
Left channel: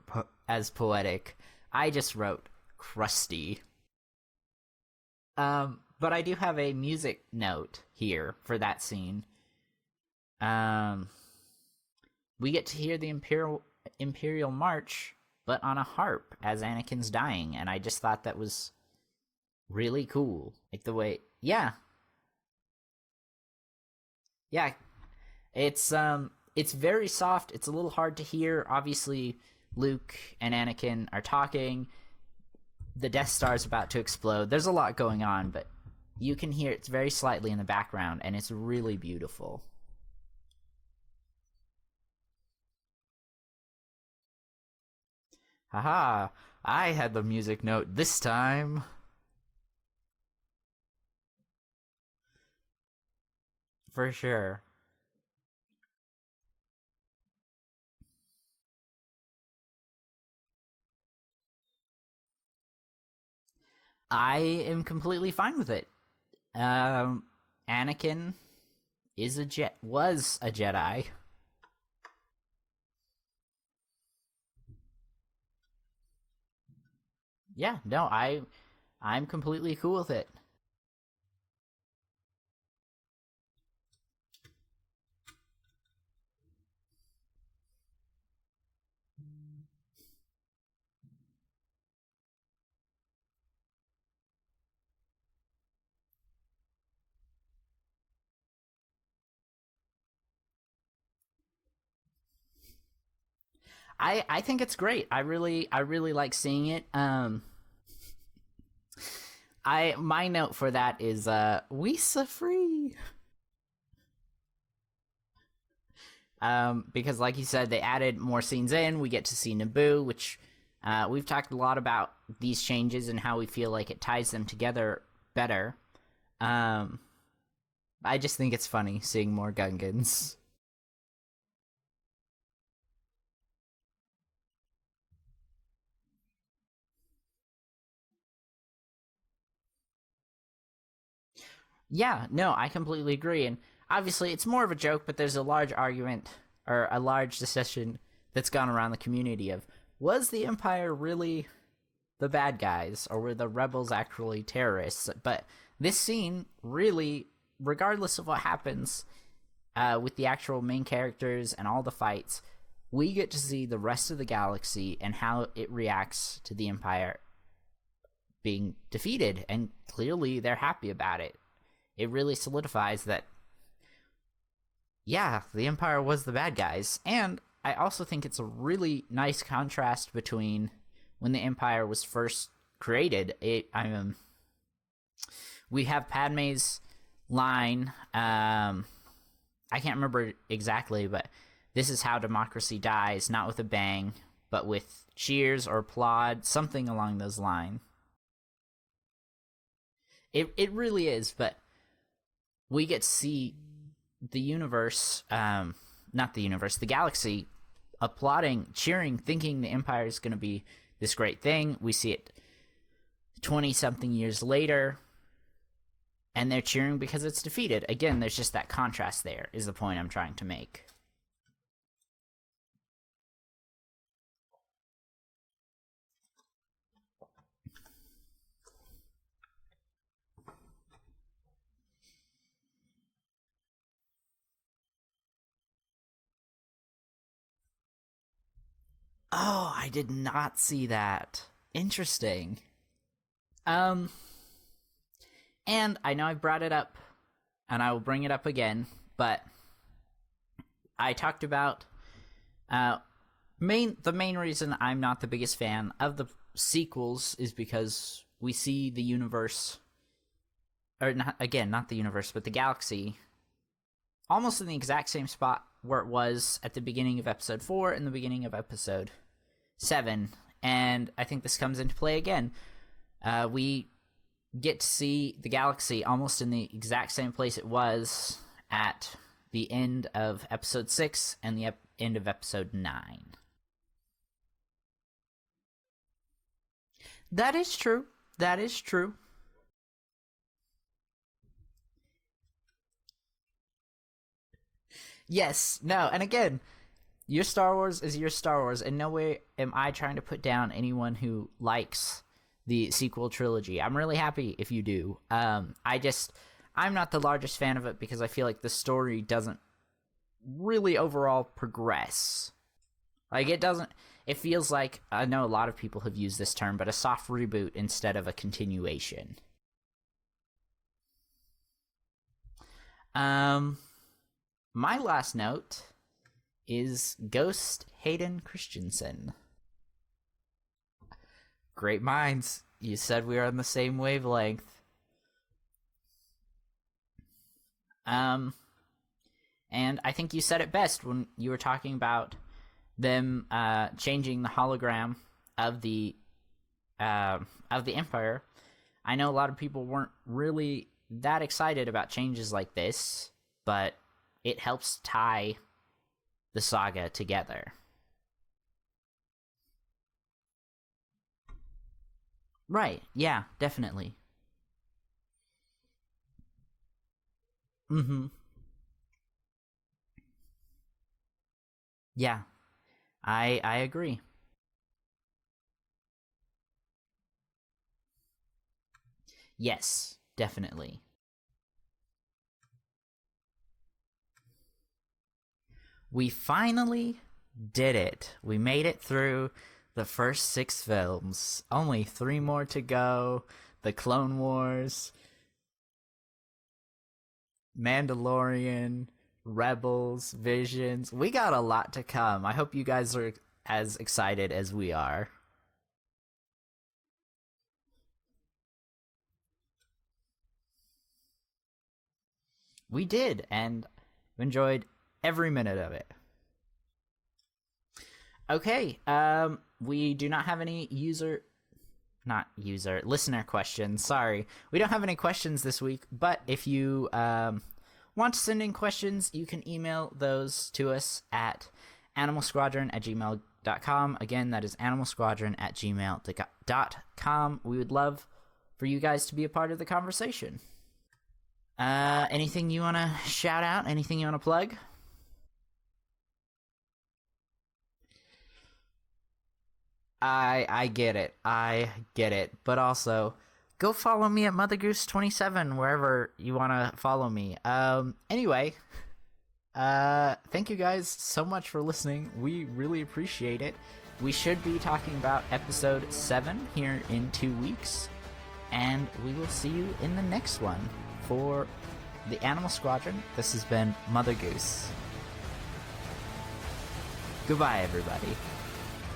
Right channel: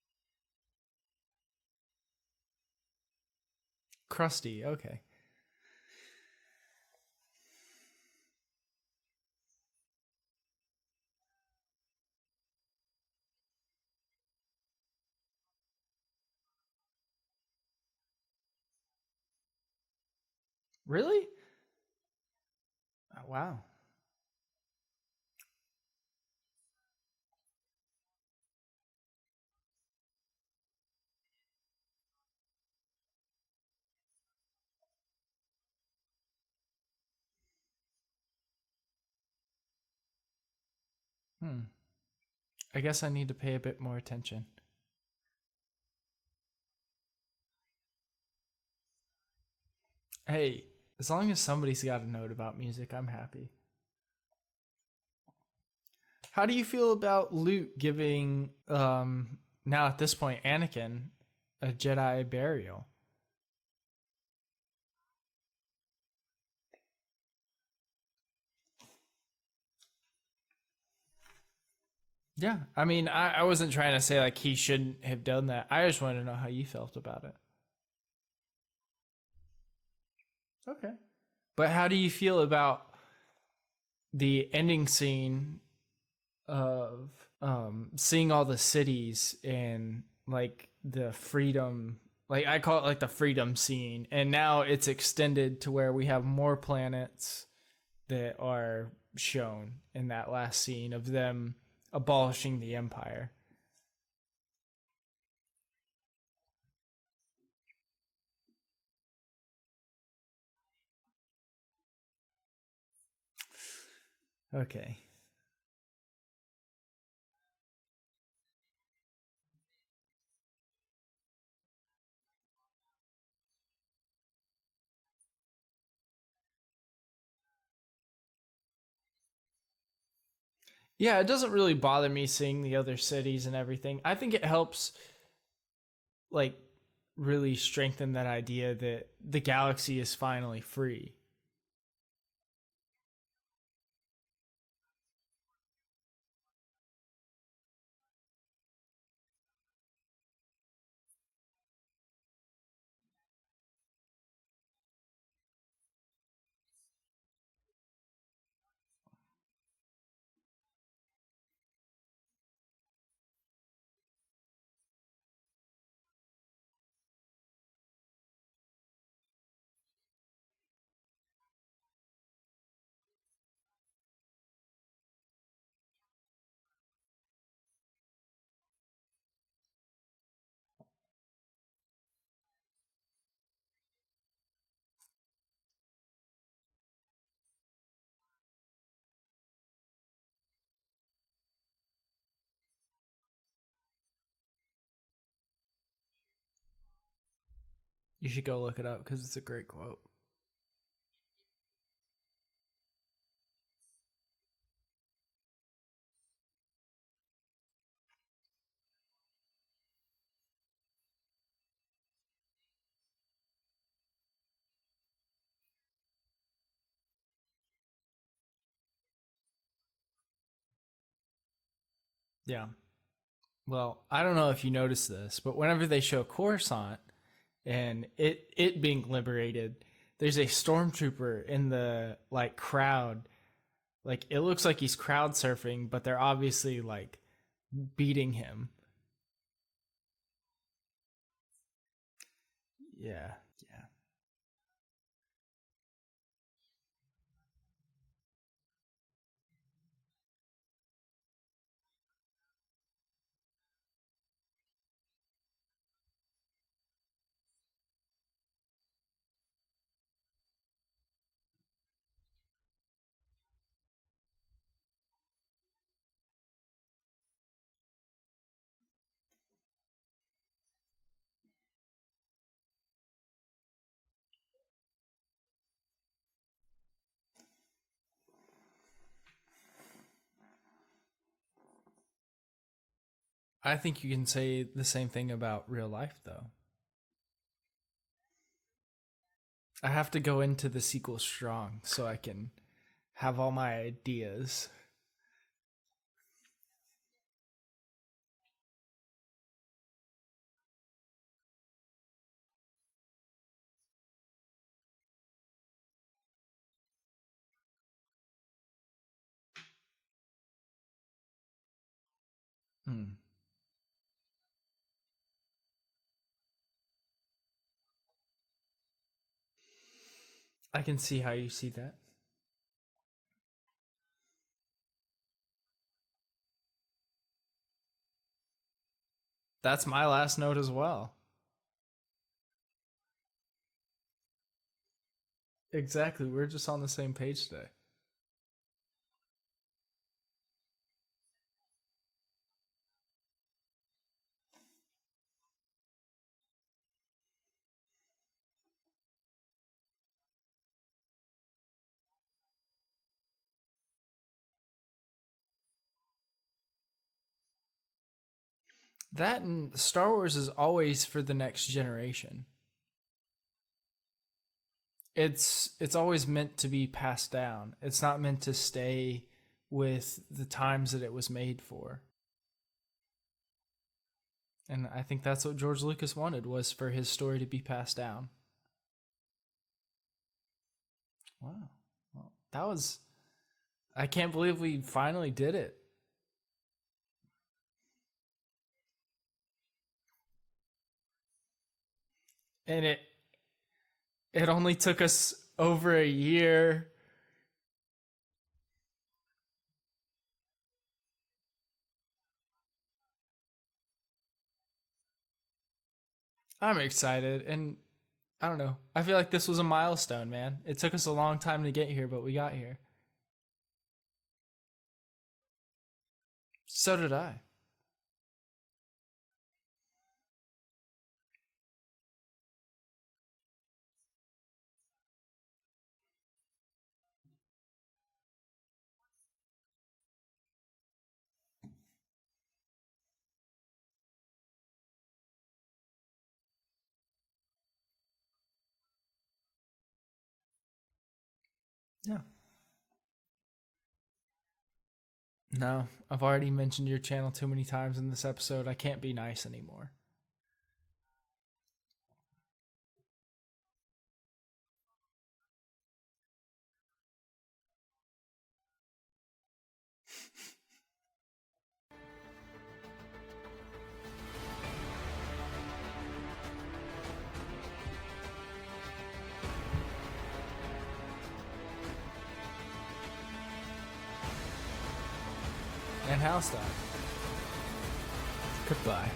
as poetic. I just wrote crusty. Crusty, okay. But I do have a music note here for that scene. We get to hear the Imperial March, but on a harp as Anakin's dying, and I just thought that was really cool. Really? Yeah. Oh, wow. Yeah. It's very soft. It's a little hard to hear. Obviously, Luke and Anakin are talking. The Death Star's about to explode. There's a lot going on, but you can hear it's very slightly in the background, and it's really beautiful. I guess I need to pay a bit more attention. Haha, I had the music note this time. Hey, as long as somebody's got a note about music, I'm happy. For sure. How do you feel about Luke giving, now at this point, Anakin a Jedi burial? I am completely fine with it. Anakin was a Jedi. Yeah, I mean, I wasn't trying to say like he shouldn't have done that. I just wanted to know how you felt about it. Yeah, no, I'm completely cool with it. Okay. But how do you feel about the ending scene of seeing all the cities and like the freedom, like I call it like the freedom scene, and now it's extended to where we have more planets that are shown in that last scene of them abolishing the Empire? I think it's great. I really like seeing it. My note for that is we so free. Okay. Because like you said, they added more scenes in. We get to see Naboo, which we've talked a lot about these changes and how we feel like it ties them together better. I just think it's funny seeing more Gungans. Yeah, it doesn't really bother me seeing the other cities and everything. I think it helps, like, really strengthen that idea that the galaxy is finally free. Yeah, no, I completely agree. And obviously, it's more of a joke, but there's a large argument or a large discussion that's gone around the community of, was the Empire really the bad guys, or were the rebels actually terrorists? But this scene really, regardless of what happens with the actual main characters and all the fights, we get to see the rest of the galaxy and how it reacts to the Empire being defeated, and clearly they're happy about it. It really solidifies that, yeah, the Empire was the bad guys. And I also think it's a really nice contrast between when the Empire was first created. We have Padme's line, I can't remember exactly, but this is how democracy dies, not with a bang, but with cheers or applaud, something along those lines. You should go look it up because it's a great quote. It really is, but we get to see the universe, not the universe, the galaxy, applauding, cheering, thinking the Empire is going to be this great thing. We see it 20-something years later, and they're cheering because it's defeated. Again, there's just that contrast there, is the point I'm trying to make. Yeah. Well, I don't know if you noticed this, but whenever they show Coruscant and it being liberated, there's a stormtrooper in the like crowd. Like, it looks like he's crowd surfing, but they're obviously like beating him. Oh, I did not see that. Interesting. Yeah. And I know I brought it up, and I will bring it up again, but I talked about the main reason I'm not the biggest fan of the sequels is because we see the universe, or not the universe, but the galaxy, almost in the exact same spot where it was at the beginning of episode 4 and the beginning of episode 7, and I think this comes into play again. We get to see the galaxy almost in the exact same place it was at the end of episode 6 and the end of episode 9. I think you can say the same thing about real life, though. That is true. That is true. I have to go into the sequel strong so I can have all my ideas. Yes. No. And again, your Star Wars is your Star Wars. In no way am I trying to put down anyone who likes the sequel trilogy. I'm really happy if you do. I'm not the largest fan of it because I feel like the story doesn't really overall progress. Like, it feels like, I know a lot of people have used this term, but a soft reboot instead of a continuation. I can see how you see that. My last note is Ghost Hayden Christensen. That's my last note as well. Great minds. You said we were on the same wavelength. Exactly. We're just on the same page today. And I think you said it best when you were talking about them changing the hologram of the Empire. I know a lot of people weren't really that excited about changes like this, but it helps tie the saga together. That and Star Wars is always for the next generation. Right. Yeah, definitely. It's always meant to be passed down. It's not meant to stay with the times that it was made for. Yeah, I agree. And I think that's what George Lucas wanted, was for his story to be passed down. Yes, definitely. Wow. Well, that was... I can't believe we finally did it. We finally did it. We made it through the first 6 films. Only 3 more to go. The Clone Wars. It only took us over a year. Mandalorian, Rebels, Visions. We got a lot to come. I hope you guys are as excited as we are. I'm excited, and I don't know. I feel like this was a milestone, man. It took us a long time to get here, but we got here. We did, and enjoyed every minute of it. So did I. Okay, we do not have any listener questions. Sorry. We don't have any questions this week, but if you want to send in questions, you can email those to us at animalsquadron@gmail.com. Again, that is animalsquadron@gmail.com. We would love for you guys to be a part of the conversation. Anything you want to shout out? Anything you want to plug? No, I've already mentioned your channel too many times in this episode. I can't be nice anymore. I get it. But also, go follow me at MotherGoose27 wherever you want to follow me. Anyway, thank you guys so much for listening. We really appreciate it. We should be talking about episode 7 here in 2 weeks, and we will see you in the next one. For the Animal Squadron, this has been Mother Goose. And HouseDog. Goodbye, everybody. Goodbye.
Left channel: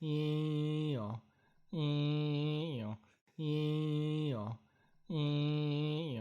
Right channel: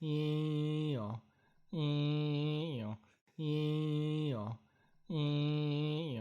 Ew. Ew. Ew. Ew.